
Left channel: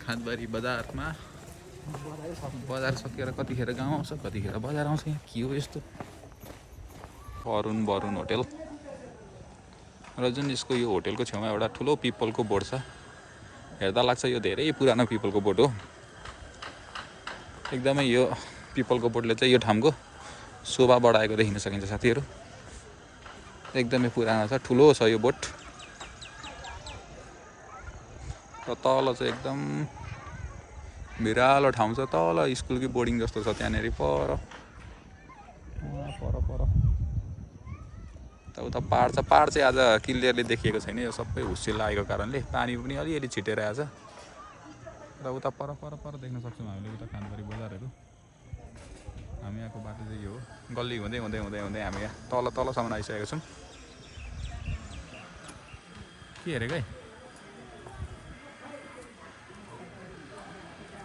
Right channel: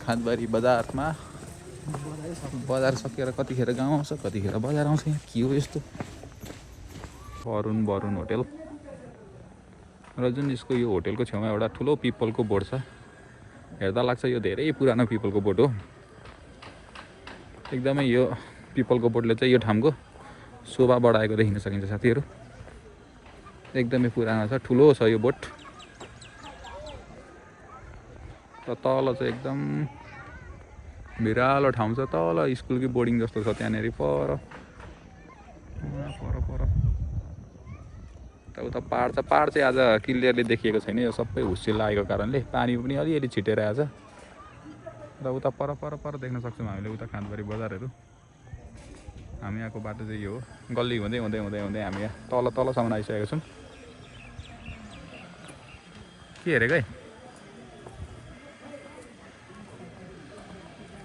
खाँदबारी बजारमा। बजार सकेर कतिखेर गाउँ आउँछ कतिखेर बजार आउँछ। के हो यस्तो? वरुण होटेल र जुन यसको यो होटेलको छेउमा एउटा ठुलो पिपलको बोर्ड छ। हेर्दा लाग्छ यो धेरै पुरानो पिपलको बोर्ड हो। एकदमै यो पिपलको बोर्डले चाहिँ यो ठाउँको शोभा बढाएको देखिन सकिन्छ साथीहरू। एकदमै पुरानो छ, ठुलो छ यो बोट। र तल चाहिँ एकदम भिरालो ठाउँ छ। तल स्कुलकै बोर्डिङ जस्तो छ त्यहाँनिर पर। उता पाहाड छ। पाहाड चाहिँ आज क्लियरली देखिएको छैन। यो सबै हुस्से लागेको कारणले पानी पनि अलिअलि छिटेर आएछ। र उता पर देख्न सक्छौँ हामीले उता खाँदबारी बजारहरू। हामी यहाँको बाटो चाहिँ यो हो। गल्ली हुँदै हामी यहाँ तलसम्म आइसकेका छौँ। के हेरेको है?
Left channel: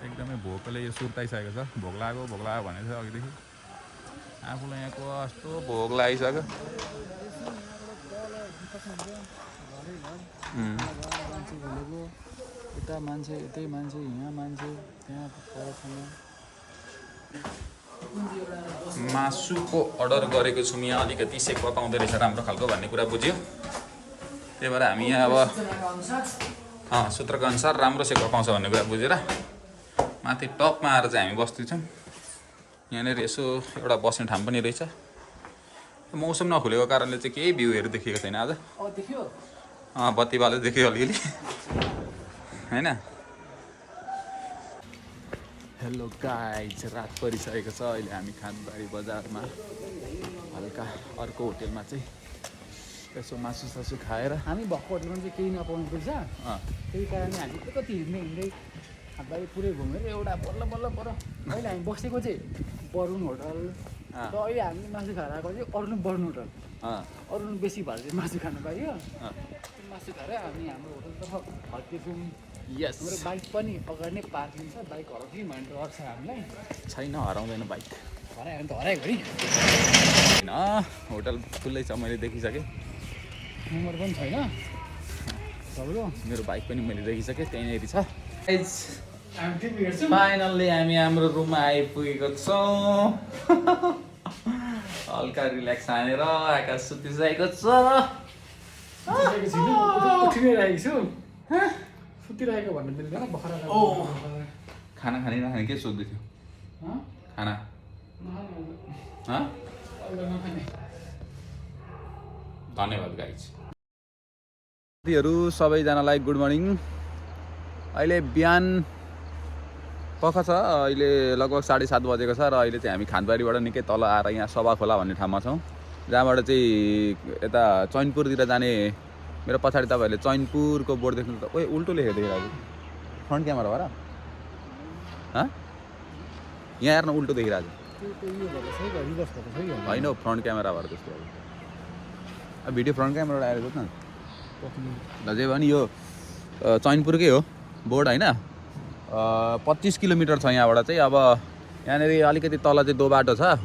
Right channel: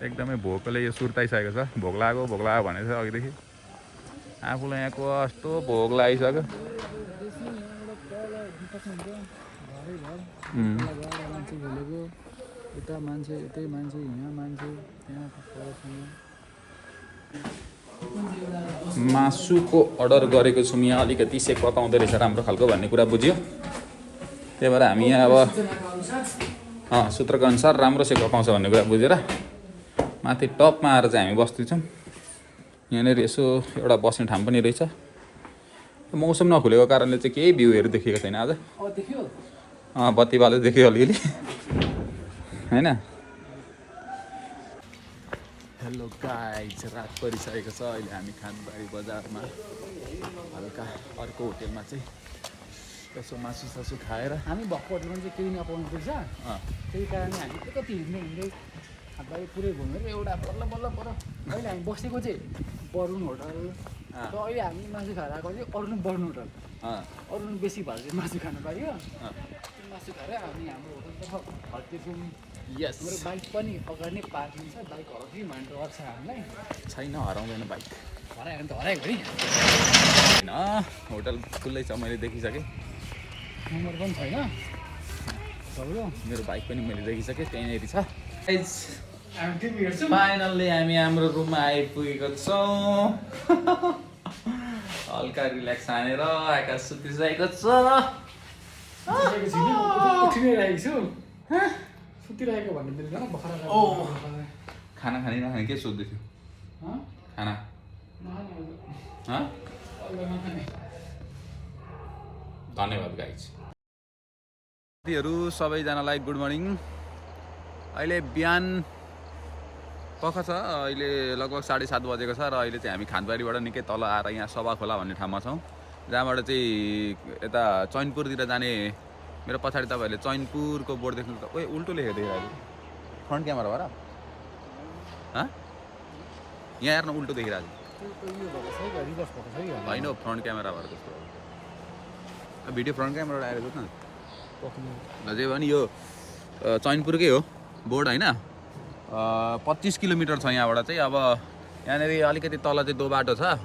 एकदमै भोकले यो सुर्ताइसकेको छ। भोक लाग्यो भनेको छ अघिदेखि। आफूलाई यहाँको कस्तो भोक लागिसक्यो। मासुको अर्डर गरेको छौँ। यहाँ अलिकति सेक्वा पाउँदो रहेछ राम्रो खालको भन्ने कुरा बुझ्यो। त्यही भएर हामी यहाँ अब सूत्रको अनुसार राम्रो सेक्वा पाउँछ भन्ने कुरा बुझेर माथि टपमा आएर चाहिँ हामी बस्दैछौँ। यहाँनिर यसो एउटा बस्ने ठाउँ पनि रहेछ। मौसम नखुलेको कारणले चाहिँ केही भ्यूहरू देखिएको छैन आज। बत्ती बालो देख्यो अलिअलि होइन। हेलो गाइज, रात परिसकेको छ। अहिले हामी खाँदबारी बजारमा हल्का अर्को होटेलमा चाहिँ यसो मासु खाएर हामी भएको होटलमा चाहिँ केही नपाउनु पर्छ। त्यही कारणले हामी कति हिँड्दै खाँदबारी पुरै घुमेर एउटा बल्ल पर अहिले हामी बसेको चाहिँ वरुण होटल। र अहिले हामी मासु खाएर आएको चाहिँ वरुण होटल। अरुण बेसी भएर चाहिँ मासु खानु पाइयो। मासु खाएर हामी हाम्रो होटलतर्फ फर्केछौँ। यस, हाम्रो बाइक पनि अगाडि नै पार्किङ छ। बाइक हराउँदै भन्ने डर छ हामीलाई। छैन, हराउँदैन बाइक। हरायो भने त हराएको नि होइन। होटल खुल्लै छ, मैले देखिसकेँ। नम्बर पनि छैन सबैको। मेरो बाइक पनि मैले देखिसकेँ, त्यहीँनिर छ। फाइनल्ली हामी हाम्रो रुममा आइपुगेको छौँ। हल्का रिल्याक्स हानेर आकाश सुतिरहेको छ। सुतिरहेको भन्ने मिल्दैन। खाना खाने नखाने के सोध्दै थियो? खाना धन्यवाद गाइज। साथीहरू सबैजनालाई गुड मर्निङ। अहिले बिहान पख छ। अहिले लगभग 7:30 बजेको छ। र अहिले चाहिँ हामी खाँदबारीबाट निकै तल आएर यहाँ सभा खोला भन्ने ठाउँमा छौँ। जहाँबाट चाहिँ यता चैनपुरतिर जाने मेरो पछाडि तपाईँहरूले चैनपुरको बोर्ड देख्नु त। ओए उल्टो लेखेको देखिरहेको फ्रन्ट क्यामेरा भएर यहाँ हेर्न उल्टो देखिरहेको होइन। फ्रन्ट क्यामेरा भएर त्यस्तो अब भिडियो फ्रन्ट क्यामेराबाट आएर जाउँ न। अझै भने यो चैनपुरकै हो। बोर्ड होइन 25 किलोमिटर छ यहाँबाट चाहिँ। अब यहाँनिर अलिकति तल चाहिँ दो बाटो छ।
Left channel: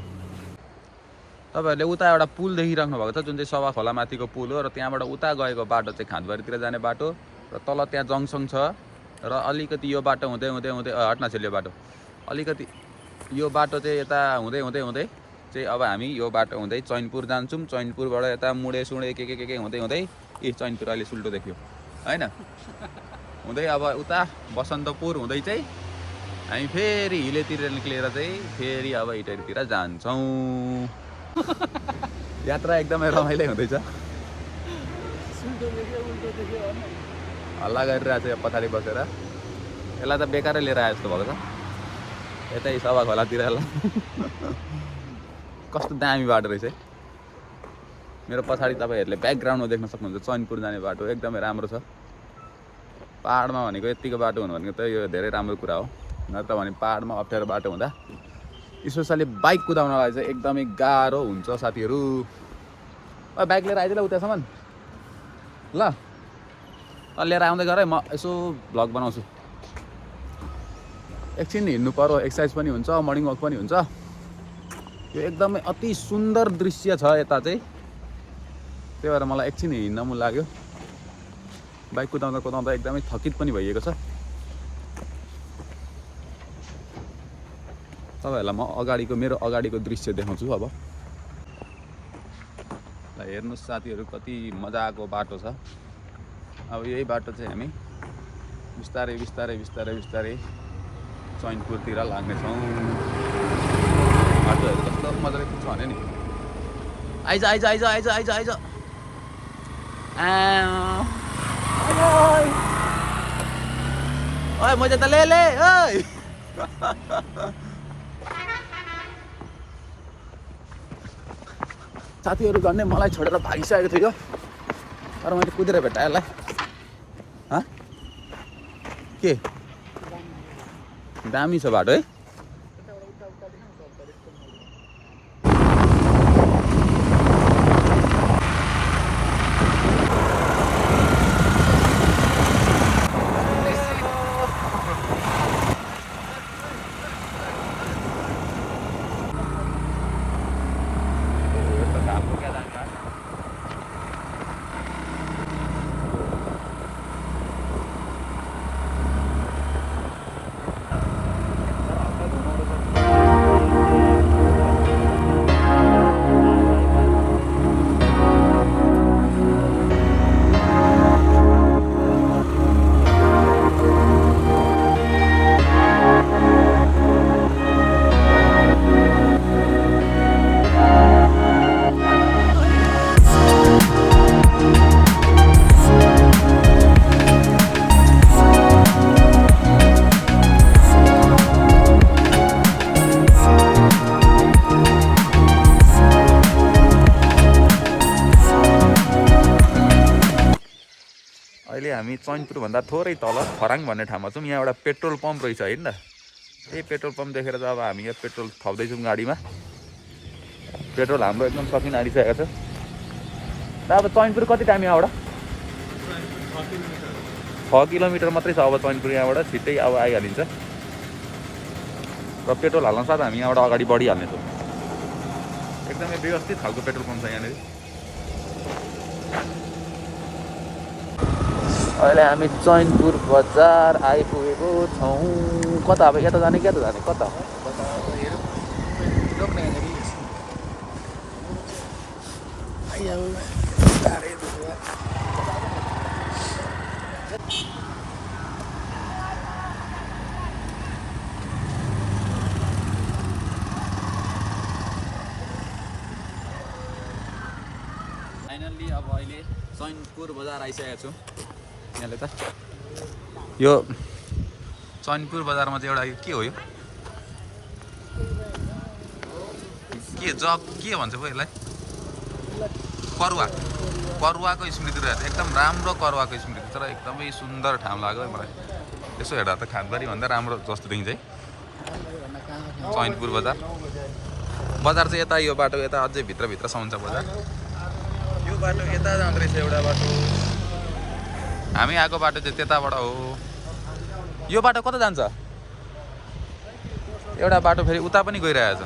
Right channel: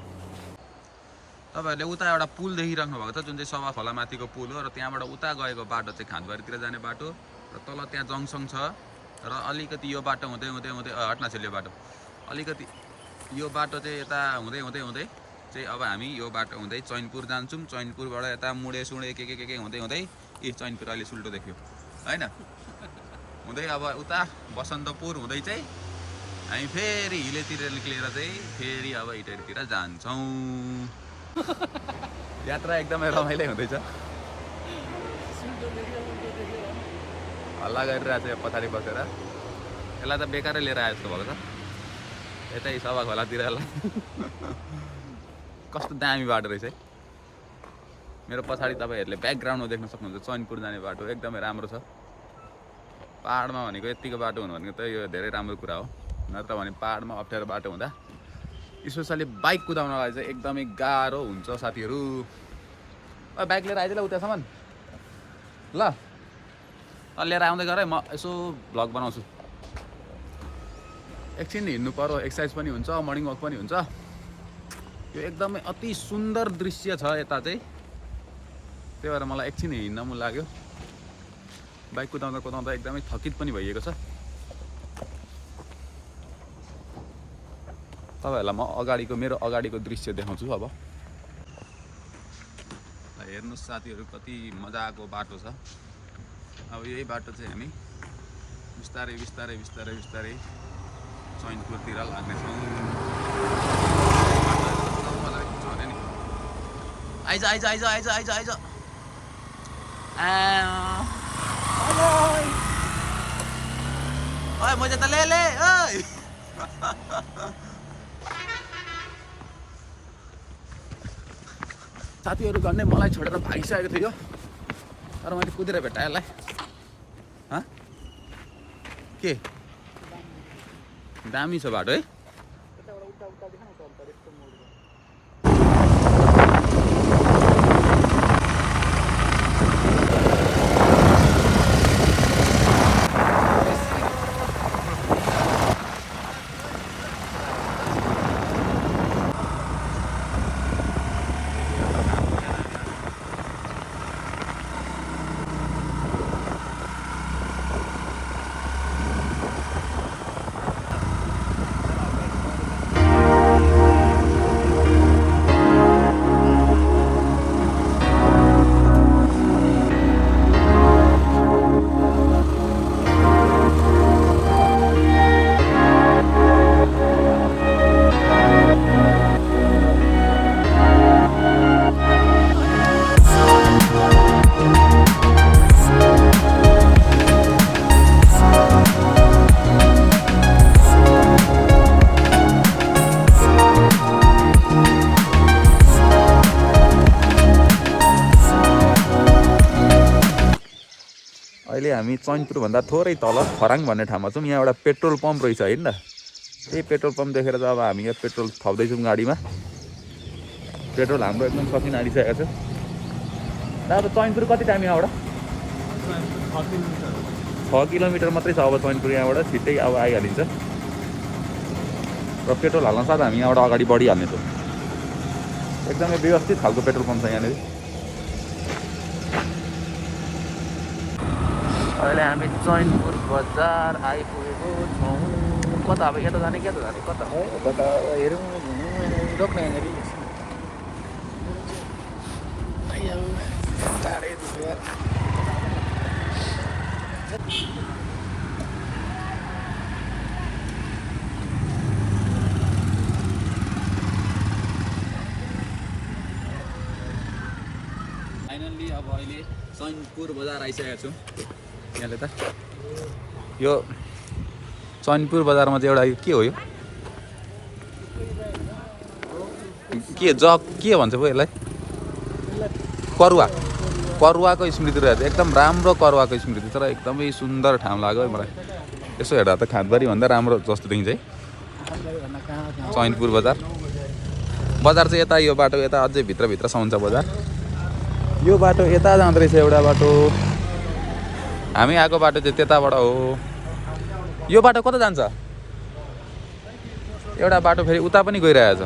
तपाईँहरूले उता एउटा पुल देखिराख्नु भएको छ जुन चाहिँ सभा खोला माथिको पुल हो, र त्यहाँबाट उता गएको बाटो चाहिँ खाँदबारीतिर जाने बाटो, र तल त्यहाँ जङ्सन छ। र अलिकति यो बाटो हुँदै हुँदै हुँदै हट्न छ यो बाटो, अलिकति यो बाटो चाहिँ यता हुँदै हुँदै हुँदै चाहिँ अब हामी यो बाटो हुँदै चैनपुर जान्छौँ। चैनपुरबाट यता मुडे सुडे के हुँदै हुँदै चैनपुर अहिले सुल्टो देख्यो होइन, हुँदै अब उता बसन्तपुर हुँदै चाहिँ हामी फेरि हिलेतिर निक्लेर चाहिँ फेरि अब इटरीतिर जान्छौँ। यात्रा एकदमै रमाइलो हुँदैछ। हल्ला गरिरहेको छ पछाडि बसेर, यसलाई त बेकारै लिएर आए जस्तो भएको छ यतै सभा खोलातिर। यसलाई कस्तो दामी बाटो रहेछ है। मेरो पछाडि तपाईँहरूले ब्याकग्राउन्डमा देख्न सक्नुहुन्छ चैनपुर जाने बाटो एकदमै राम्रो छ। पाहाडमा भनेको यतिको बाटो हुनु भनेको त यो धेरै राम्रो कुरा हो, नत्र भने पाहाडमा अप्ठ्यारो बाटो हुँदा स्पेसली बाइक कुदाउनलाई चाहिँ एकदमै गाह्रो हुन्छ साथीहरू। बाइक लिएर आइज ल उतासम्म ल, लिएर आउँदै गर है, म यसो भ्लग बनाउँछु। एकछिन हिँड्नु पर्यो, एक्सर्साइज पनि हुन्छ, मर्निङ वक पनि हुन्छ। यो एकदमै अति सुन्दर दृश्य छ यता चाहिँ, त्यही भएर मलाई एकछिन हिँड्न मन लाग्यो। बाइक कुदाउँदा कुदाउँदा एकदमै थकित पनि भइएको छ। तपाईँहरूलाई म मेरो अगाडिको दृश्य देखाउँछु। अब ल हेर्नुहोस् साथीहरू कति मजाको बाटो छ। अब यही बाटो चाहिँ हामी बिस्तारै बिस्तारै बिस्तारै बिस्तारै चैनपुरतिर लाग्नेछौँ। बाटोहरू कस्तो मजाले छ भने नि। आइज आइज आइज आइज आइज आइज ओए मजा त ले ओइ साथीहरू गर्ने मलाई छोडेर भागिसकेको थियो, तर मैले कुदेर भेटाएँ यसलाई। के दामी छ बाटो है। अहिले हामी चैनपुरभन्दा थोरै तल फराङ भन्ने ठाउँमा छौँ। यहाँ एउटा पेट्रोल पम्प रहेछ होइन त। त्यही पेट्रोल पम्प देखेर चाहिँ अब हामी यहाँ पेट्रोल थप्दैछौँ गाडीमा। पेट्रोल हाम्रो एकदम सकिन आइसकेको छ। अब चैनपुर कति टाइम यहाँबाट? 6 किलोमिटर मात्रै छ अब चैनपुर यहाँबाट। छिट्टै अब आइहालिन्छ र पेट्रोल हाल्न साथ हामी यहाँबाट अगाडि बढिहाल्नेछौँ। एकदमै व्यवस्थित खालको पेट्रोल पम्प छ यहाँनिर। अहिले हामी चैनपुर बजार आइपुगेको छौँ। कता अब यता जाने क्या त जाने कता हो? कता हेरौँ रोक्न यहाँनिर टाढै देख्यो। फाइनल्ली अब अहिले चैनपुर बजार आइसकेको छौँ। यहाँले त यो चैनपुर बजारमा चाहिँ एउटा के हो यो के जग के भन्छ पो यसलाई? करुवा। करुवाको स्मृति रहेछ, एकदम राम्रो करुवाको स्मृति। तर एकदमै सुन्दर ठाउँ लाग्यो है मलाई। यसो हेर्दा त खाँदबारी भन्दा राम्रो जस्तो देखिन्छ है चैनपुर बजार। बजार चाहिँ यता यो बाटो यता अझै भित्रसम्म छ बजार। यो बाटो यता जाँदो रहेछ एउटा बाटो, हामी आएको बाटो चाहिँ त्यताबाट हो। यो बाटो कता जान्छ एउटा बाटो फेरि उता पनि गइरहेछ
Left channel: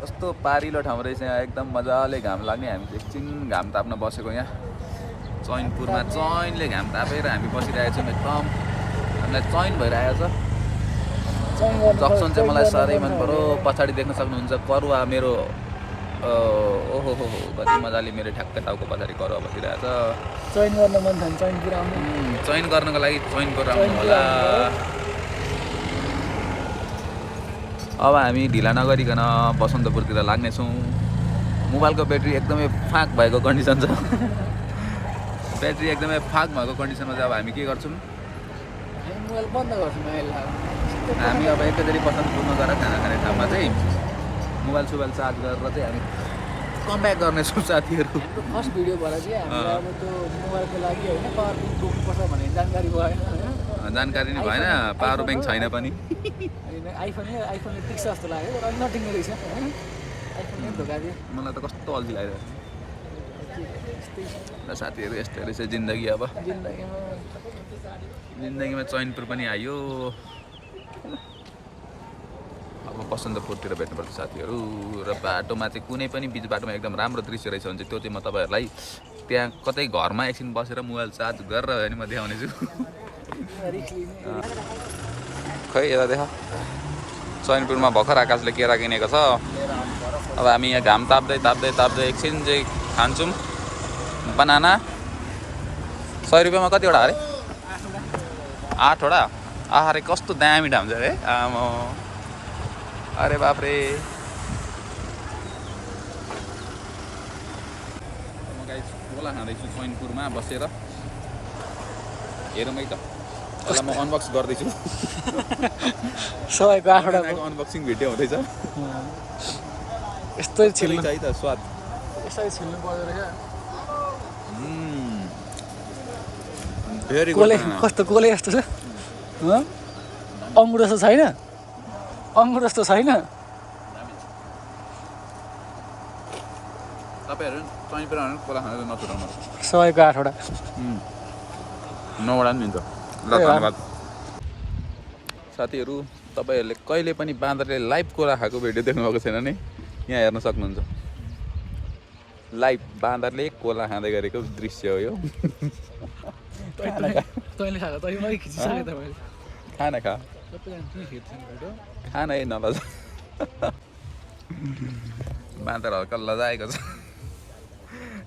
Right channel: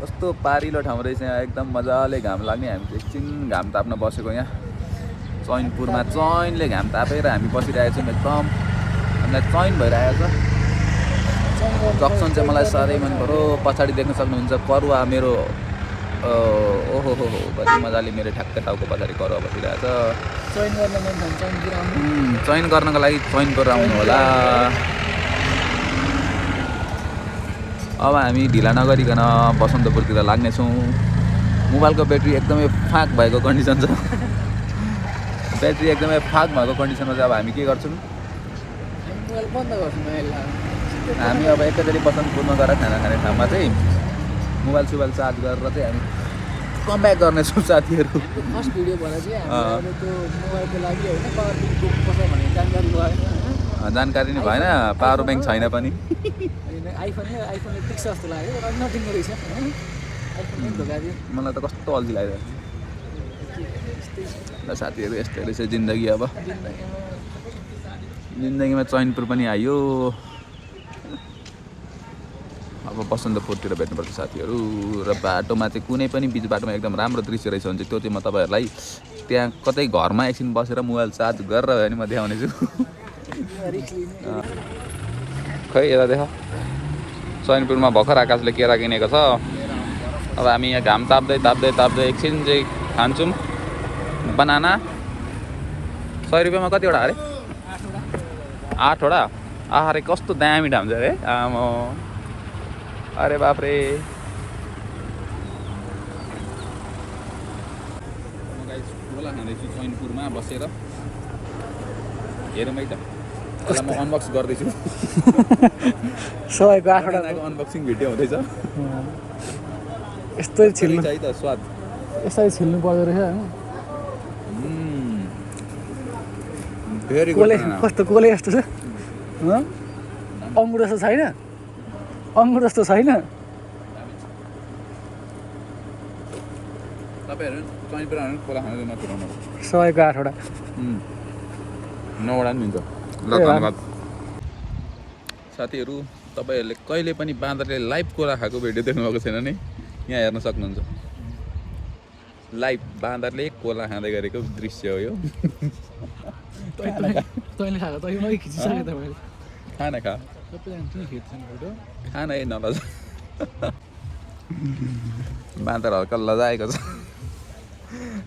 कस्तो पारिलो ठाउँ रहेछ यहाँ एकदम मजाले घाम लाग्ने हामी चाहिँ एकछिन घाम ताप्न बसेको यहाँ चैनपुरमा चैनले घाम तापेर हामी बसिरहेको छौँ एकदम हामीलाई चैन भइरहेको छ जक्सन चाहिँ मलाई साह्रै मन पऱ्यो पछाडि देख्न सक्नुहुन्छ करुवा मेरो ओहो हो कति मजाले मेरो ठ्याक्कै टाउको पछाडि करुवा बसिरहेछ चैन गर्नको लागि चैनपुर आउनु होला अब हामी ढिला नगरिकन बसन्तपुरतिर लाग्नेछौँ मोबाइलको ब्याट्री एकदमै फाँक भएको कन्डिसन छ ब्याट्री एकदमै फाँक भएको कन्डिसनमा चाहिँ अब हामी के गर्छौँ हामी अब एकैचोटि बसन्तपुरमा गएर खाना खाने ठाउँमा चाहिँ मोबाइल सुबाइल चार्ज गरेर चाहिँ हामी कमब्याक गर्नेछौँ साथीहरू फर्स्ट भिडियो भएर चाहिँ अब त्यो मोबाइलको लागि होइन पावर ब्याङ्क बोक्नुपर्छ भन्ने जानकारी भएन होइन जानकारी नै भएन पावर ब्याङ्क छैन पनि आइफोनले टिक्स जस्तो लाग्यो र नटिक्ने रहेछ होइन आइफोनले धोका दियो मलाई त कस्तो अल्छी लागिरहेको छ साथीहरू यस्तै रहेछ जिन्दगी अब जिन्दगीमा चैनपुर पनि आयो अब बसन्तपुरतिर भेट्नुपर्छ साथीहरू र बाटोमा चाहिँ कुनै पनि बिच बाटोमा एकदम राम्रो दृश्य रहेछ भने चाहिँ त्यो चाहिँ म तपाईँहरूलाई त्यहाँ कतै घरमा एकछिन बसेर मोबाइल चार्ज गरेर भए पनि म देखाउनेछु खै यता देख चैनपुरमा भर्खर आकाशले केरा किनेको छ अब हामी यहाँ घाम ताप्दै ताप्दै ताप्दै एकछिन चाहिँ खान्छौँ बनाना 100 रुपियाँमा कतिवटा अरे 8वटा आहारे कस्तो दामी ठाउँ छ अरे आमा अरे बाफ्रे म गाइस गोला खाँदैछु चैनपुरमा बसेर हेरौँ है त यसलाई म अनबक्स गर्दैछु सबैको 8वटाको अनबक्सिङ भिडियो हुँदैछ यस्तै छिल्नु है त स्वाद यसरी छिल्नु पर्दो रहेछ भेरी कोले कस्तो कोले जस्तो छ अङ्गुर जस्तो छैन अङ्गुर जस्तो छैन तपाईँहरू चैनपुर कोला खाँदै नफिराउनु सबैको 8वटा 9वटा पनि हुन्छ ल धन्यवाद साथीहरू तपाईँहरूले कहिले पनि बाँदरले लाइभ कोला खाएको भिडियो देख्नुभएको छैन नि यहाँ हेर्न सक्नुहुन्छ लाइभ बाँदरले कोला खाँदै गरेको दृश्य हो यो तैँले खाएको तैँले खिचिसक्यो तपाईँले खाना खा फोटो खाना है नलजा बाँदर हल्का लजाएको छ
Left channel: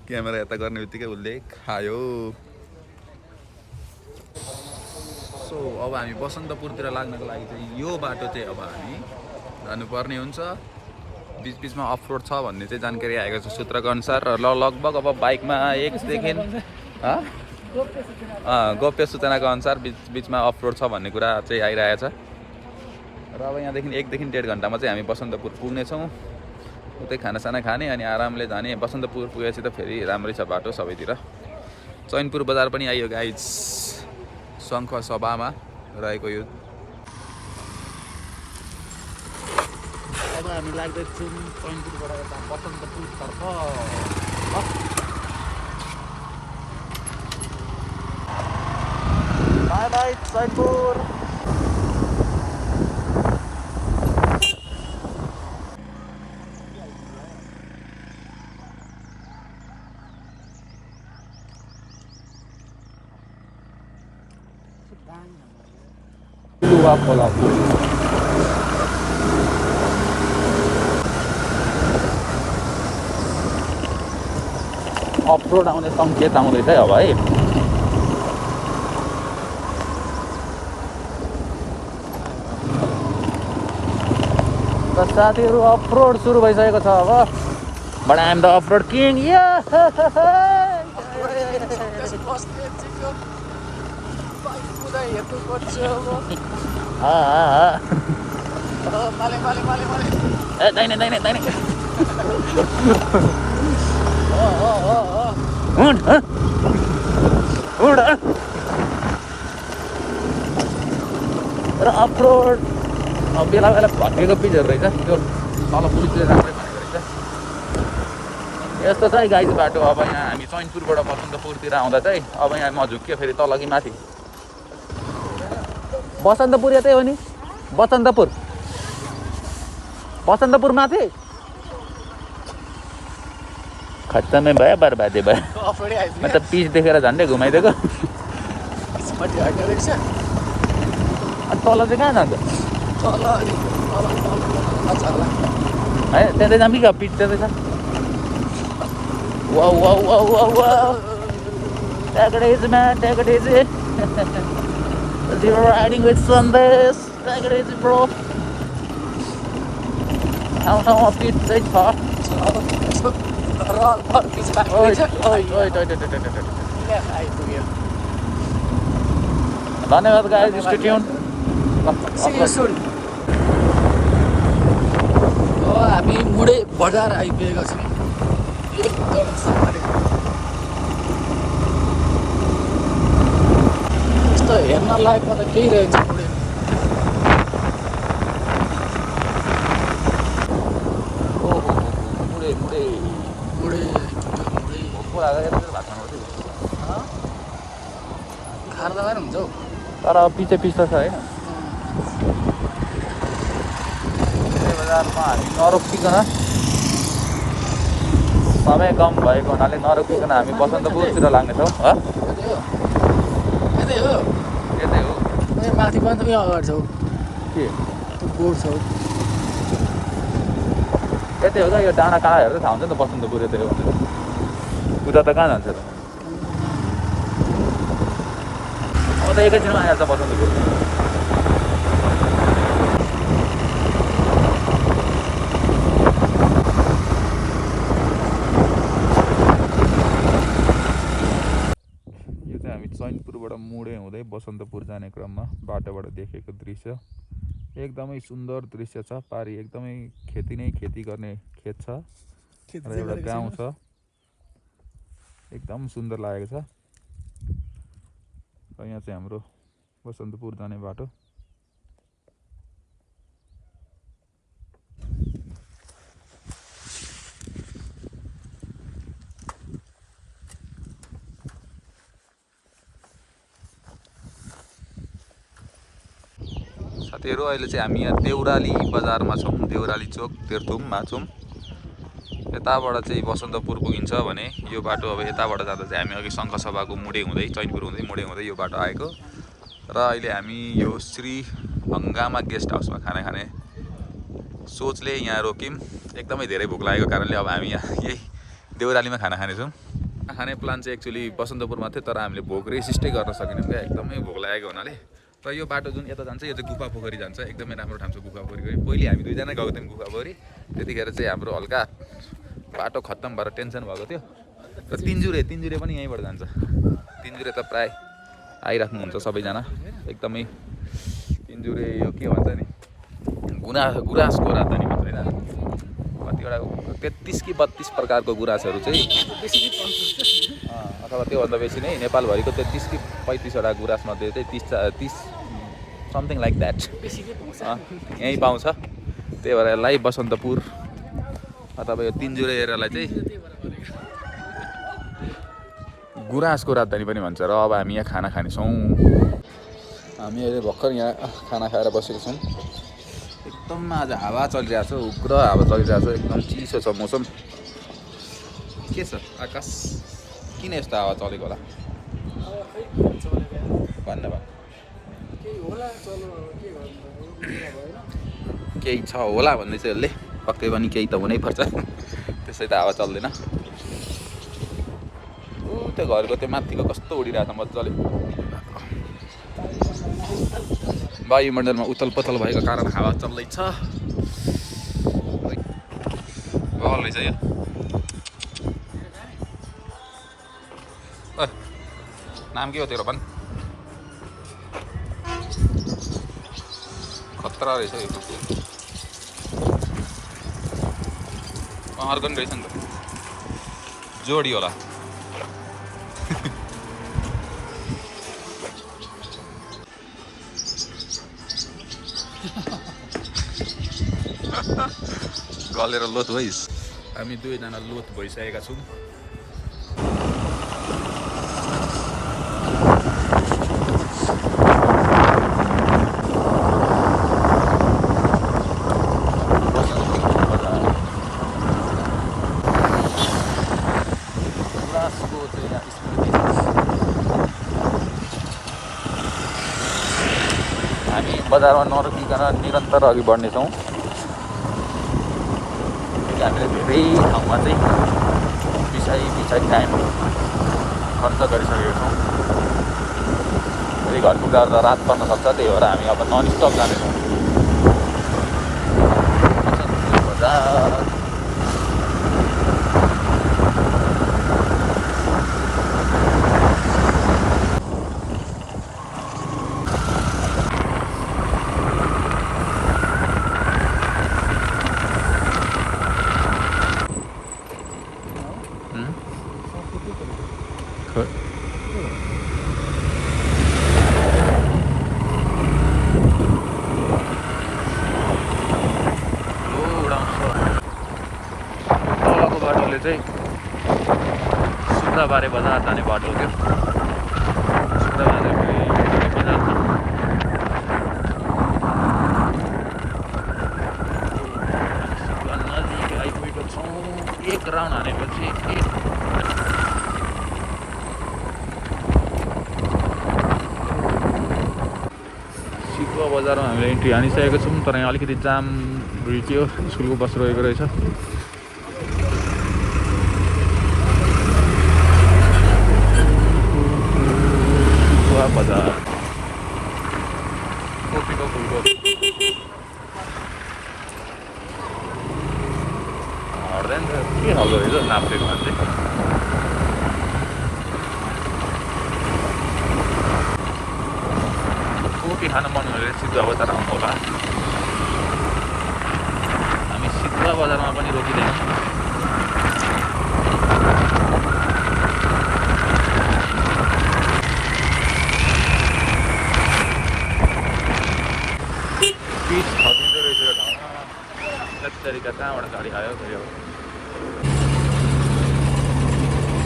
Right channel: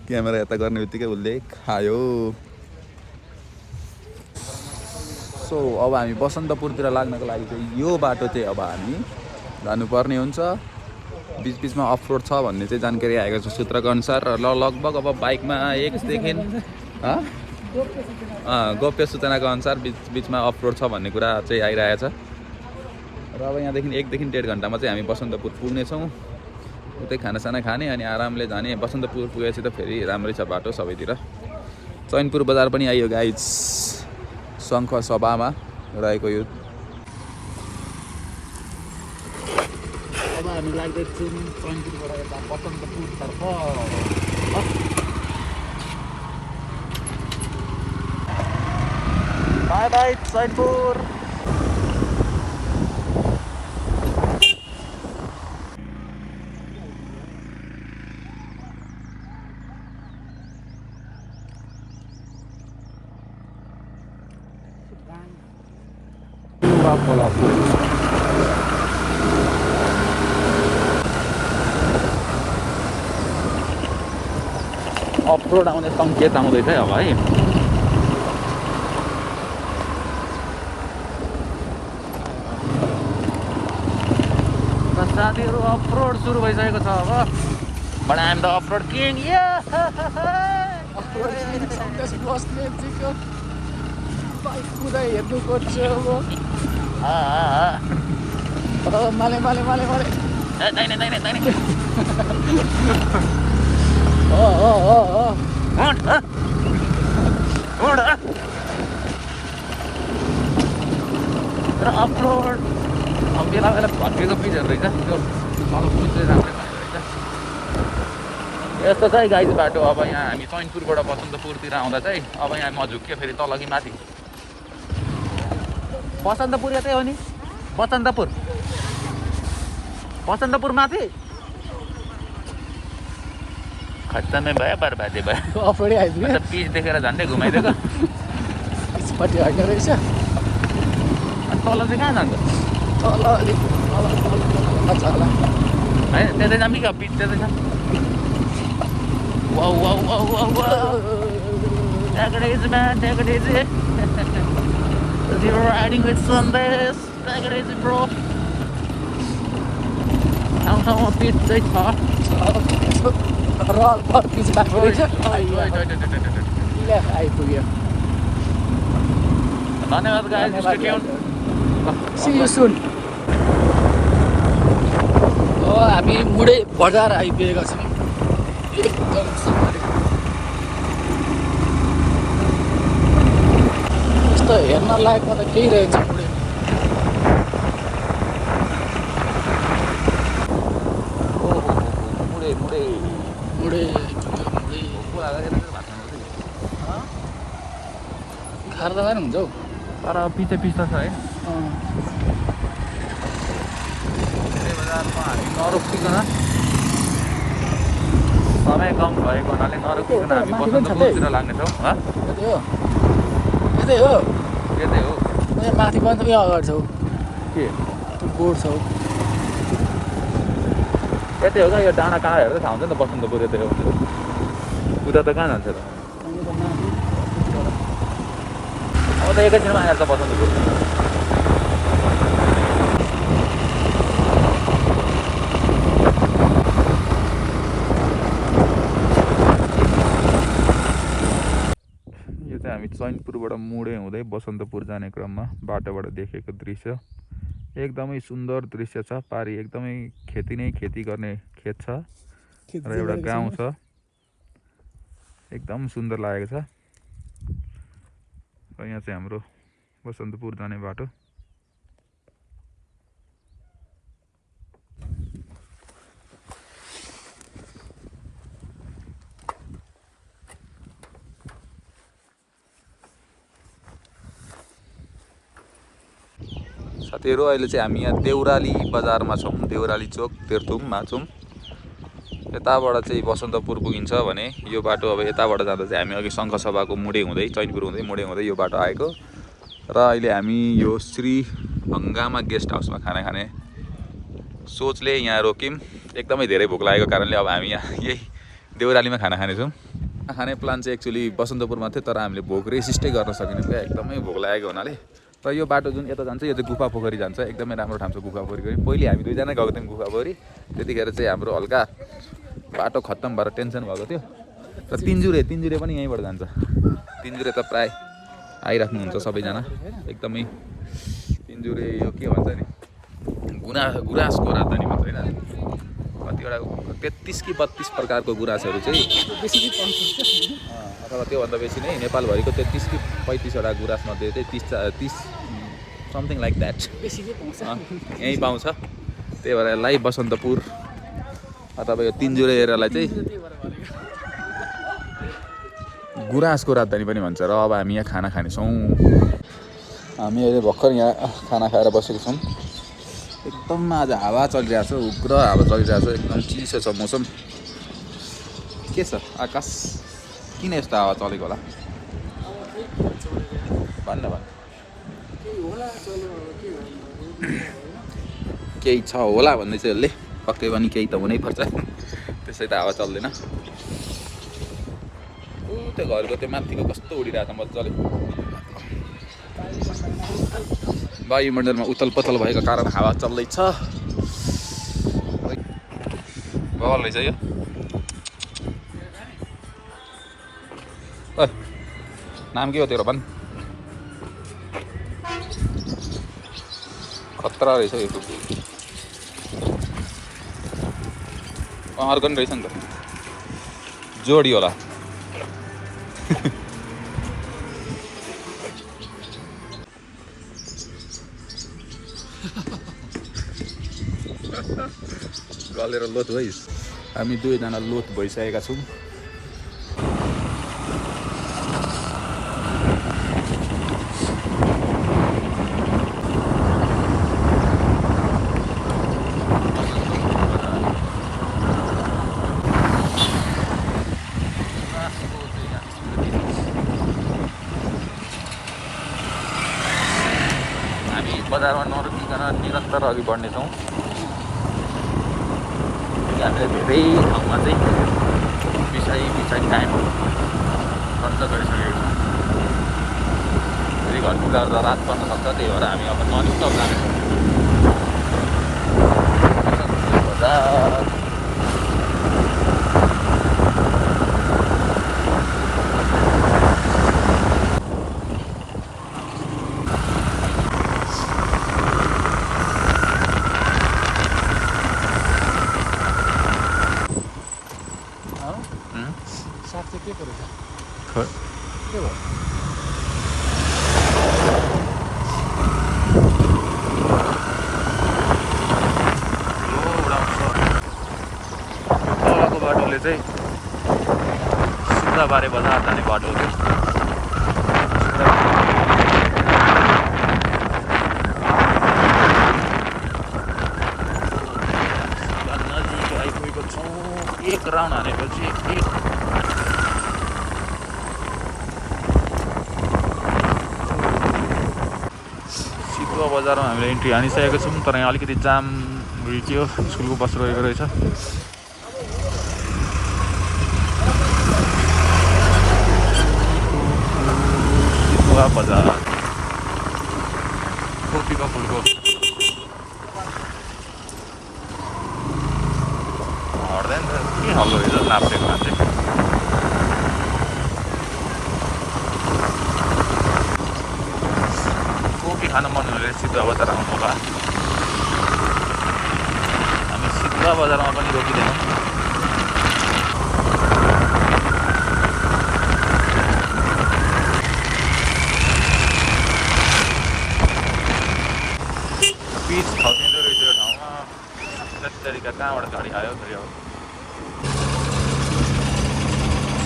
क्यामेरा यता गर्ने बित्तिकै उसले खायो सो अब हामी बसन्तपुरतिर लाग्नको लागि चाहिँ यो बाटो चाहिँ अब हामी जानुपर्ने हुन्छ बिचबिचमा अफरोड छ भन्ने चाहिँ जानकारी आएको छ सूत्रको अनुसार र लगभग अब बाइकमा एकदेखि गोप्य सूचनाको अनुसार बिचमा अफरोड छ भन्ने कुरा चाहिँ आइरहेछ र अब यहाँदेखि 1 देखि 1.5 घन्टामा चाहिँ हामी बसन्तपुर पुग्नेछौँ उतै खानासाना खाने अनि आरामले जाने बसन्तपुर पुगेपछि त फेरि राम्रै छ बाटो सबैतिर चैनपुर बजार पनि आइयो गाइज शङ्ख सभामा रहेको यो अब हामी लाग्दैछौँ चैनपुरबाट यता बसन्तपुरतर्फ बाई बाई चैनपुर अफरोड आउने सङ्केत आउँदैछ अब है साथीहरू अफरोड सुरु भइसकेको छ अब but I am the offroad king हेर्नुपर्छ अब माले माले माले माले ए दाइने दाइने दाइने र अफरोड बेला बेला भत्केको पिचहरू रहेछ त्यो तल पुलतिर राम्रो भएको रहेछ यस्तो छ है गाईको बाटो अब यहाँ हामी चैनपुरबाट बसन्तपुरतिर आउँदा चाहिँ अब यहाँ म झुक्यो फेरि तल कि माथि बसन्तपुर यतै हो नि बसन्तपुर माथि खत्तमै भयो बर्बादै भयो अफरोडै आइपुग्यो अन्त पिच देखेर झन्डै घुमाइदिएको पट्टि होइन रहेछ अनि तल चाहिँ कहाँ जान्छ तल अलिक तल छ होला होइन त्यहाँ जाने क्या पिच त्यतै छ wow wow wow wow wow Take it easy, man. Take it easy. You're riding with Sundays. Take it easy, bro. How speed they far? Roll for this back. आइपुग्यो धन्यवाद guys. Stay tuned. See you soon. अब हामी मुडे बजार आइपुगेका छौँ यस्तो हेर्न लायकमा त केही रहेछ मुडे खाएर त हुन्छ हौ तर पछि छ होइन नरोकिकन समय कम भएको हुनाले नरोकिकन हामी बसन्तपुरतिर लाग्नेछौँ यतै हो त्यतै हो यहाँ माथि पनि त यहाँ अगाडि छौ के त्यो बोर्ड छौ यतै हो त यो डाँडा कहाँ हेर्दै थाहा हुन्छ नि त बसन्तपुर यतै हो भनेर उता त कहाँ जान्छ त अब त एकैछिनमा आइहाल्छ बसन्तपुर हामी चैनपुरबाट मुडे हुँदै बसन्तपुर जाने क्रममा बाटोबाट देखेको दृश्य एकदमै सुन्दर दृश्य छ पारी एकदमै खेती नै खेती गर्ने खेत छ र एउटा गाउँ छ एकदम सुन्दर लागेको छ र यहाँ चाहिँ हाम्रो बसन्तपुर जाने बाटो साथीहरू अहिले चाहिँ हामी यहाँ देउराली बजारमा छौँ देउराली चोक तेर्थुममा छौँ यताबाट चाहिँ बसन्तपुर पुगिन्छ भने यो बाटो अब यताबाट जाँदा चाहिँ हामी अघि शङ्खसभाको मुडे हुँदै चैनपुर हुँदै मुडे हुँदै यो बाटो आएको र अहिले हामी यो श्री हङ्गामा गेस्ट हाउसमा खाना खाने सोचले यहाँ रोक्यौँ एकदमै धेरै भोक लागेको कारणले अब हामी यहाँ यही देउरालीमा खाना खानेछौँ खाने प्लान चाहिँ एक्चुअली बसन्तपुरमा थियो तर हामीले भोक रेसिस्टै गर्न सकेनौँ क्या एकदमै भोक लागेको हुनाले र यो बाटो जुन यता जान्छ यो चाहिँ गुफा पोखरी जान्छ एकदमै राम्रो ठाउँ छ गुफा पोखरी गयो पहिले हामी दुईजना गएको थियौँ गुफा पोखरी त्यतिखेर चाहिँ हाम्रो हल्का बाटो खत्तम भएर टेन्सन भएको थियो र तिनजुरे पनि यहीँबाट जान्छ तिनजुरे त प्राय आइराख्नुहुन्छ सबैजना एकदमै तिनजुरे यो के भन्छ नि गुराँसको राजधानी भन्छ होइन कतिवटा 33 कि 32 प्रकारको गुराँसहरू चाहिँ अथवा त्योभन्दा बेसी नै नेपालभरिको 33 कि 35 वटा गुराँसमध्ये चाहिँ 30 समथिङ लाइक द्याट यहीँ पाउँछ त्यही भएर यसलाई बसन्तपुर अथवा यो तिनजुरे एरियालाई चाहिँ गुराँसको राजधानी पनि भन्छ र अब हामी यहाँ खाना खानेछौँ हामी अहिले भर्खर यहाँ खाना खाएर बसेको छौँ एकदम आज हावा चलिरहेको छ उग्र हावा चलिरहेको छ एकदम चिसो छ मौसम के छ आकाश किन यस्तो हावा चलेको होला भन्नु केही छ होला भन्दै चाहिँ यसले पक्कै पनि केही त हुनैपर्छ त्यसै त हावा चल्दैन ऊ त्यो घरको त्यो माथिको कस्तो उडिरहेको छ मजाले वायुमण्डलमा उथल पथल भएको कारण हावा चल्दैछ बल रहेछ यो नाम के हो तेरो भन् खतरा रहेछ यो कुकुर अर्को पनि रहेछ नि त जोडी होला चलेर लोथ भइस् हामी दुवैजना लोथ भइसकेका छौँ बजारमा नरोकिकन निरन्तर अघि बढ्नेछौँ हामीले धेरै ठाउँमा चाहिँ पछाडि टाइम खर्च गरिसकेको छौँ फेरि घर पुग्दा रात पर्न सक्छ त्यही भएर हामी अब ननस्टप जानेछौँ बजार तलको बाटोले चाहिँ सिद्धाबारे बजार जाने बाटो हो त्यो नजिक आइपुगेको छौँ एक राउन्ड हानेपछि चितुवा बजारमा हामीले इन्ट्री हानिसकेको छौँ तर यहाँ अलिकति जाम रुक्यो स्कुलको बस रोकेको रहेछ चितुवा बजार कोपीको फुलको हट्दैन त के खालको रहेछ नाप्रेको मान्छे कोपी खान मन भनेर चितुवा बजार आउनु होला हामी चितुवा बजारमा पनि रोकिँदैनौँ पिच खसिँदो रहेछ यो ठाउँमा जति तरिका कहाँबाट गाडी आयो फेरि अब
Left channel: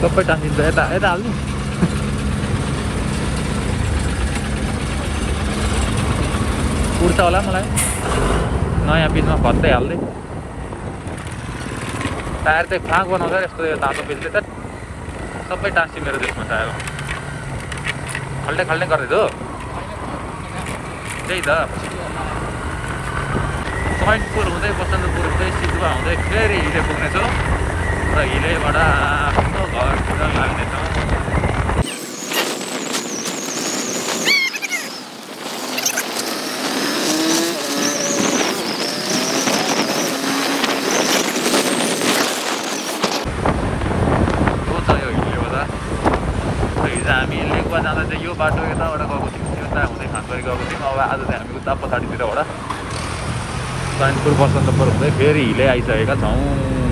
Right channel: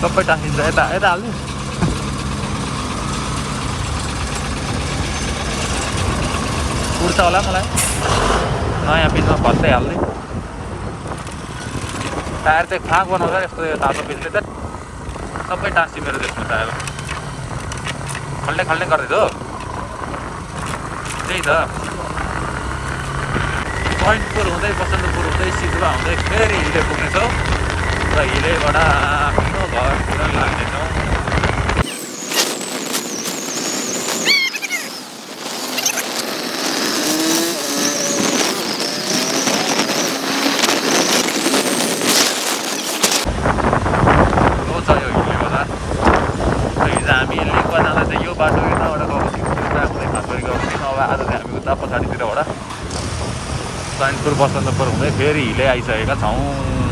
सबै टाँसिन्छ यता यता हाल्नु उड्छ होला मलाई नयाँ पिचमा भत्तै हाल्दै टायर चाहिँ फाँक बनाउँछ यस्तो यो तातो पिचले त सबै टाँसी मेरो त्यसमा टायर खल्ने खल्ने गर्दैछ हो त्यही त पोइन्टपुर हुँदै बसन्तपुर हुँदै सिधुवा हुँदै फेरि हिले पुग्नेछौँ र हिलेबाट आफ्नो घरतिर लाग्नेछौँ हामी लेकमा जाँदा चाहिँ यो बाटो यताबाट गएको थियौँ यता हुँदै खासबारी गएको थियौँ अब आज चाहिँ हामी उता पछाडितिरबाट चैनपुर बसन्तपुर हुँदै फेरि हिले आइसकेका छौँ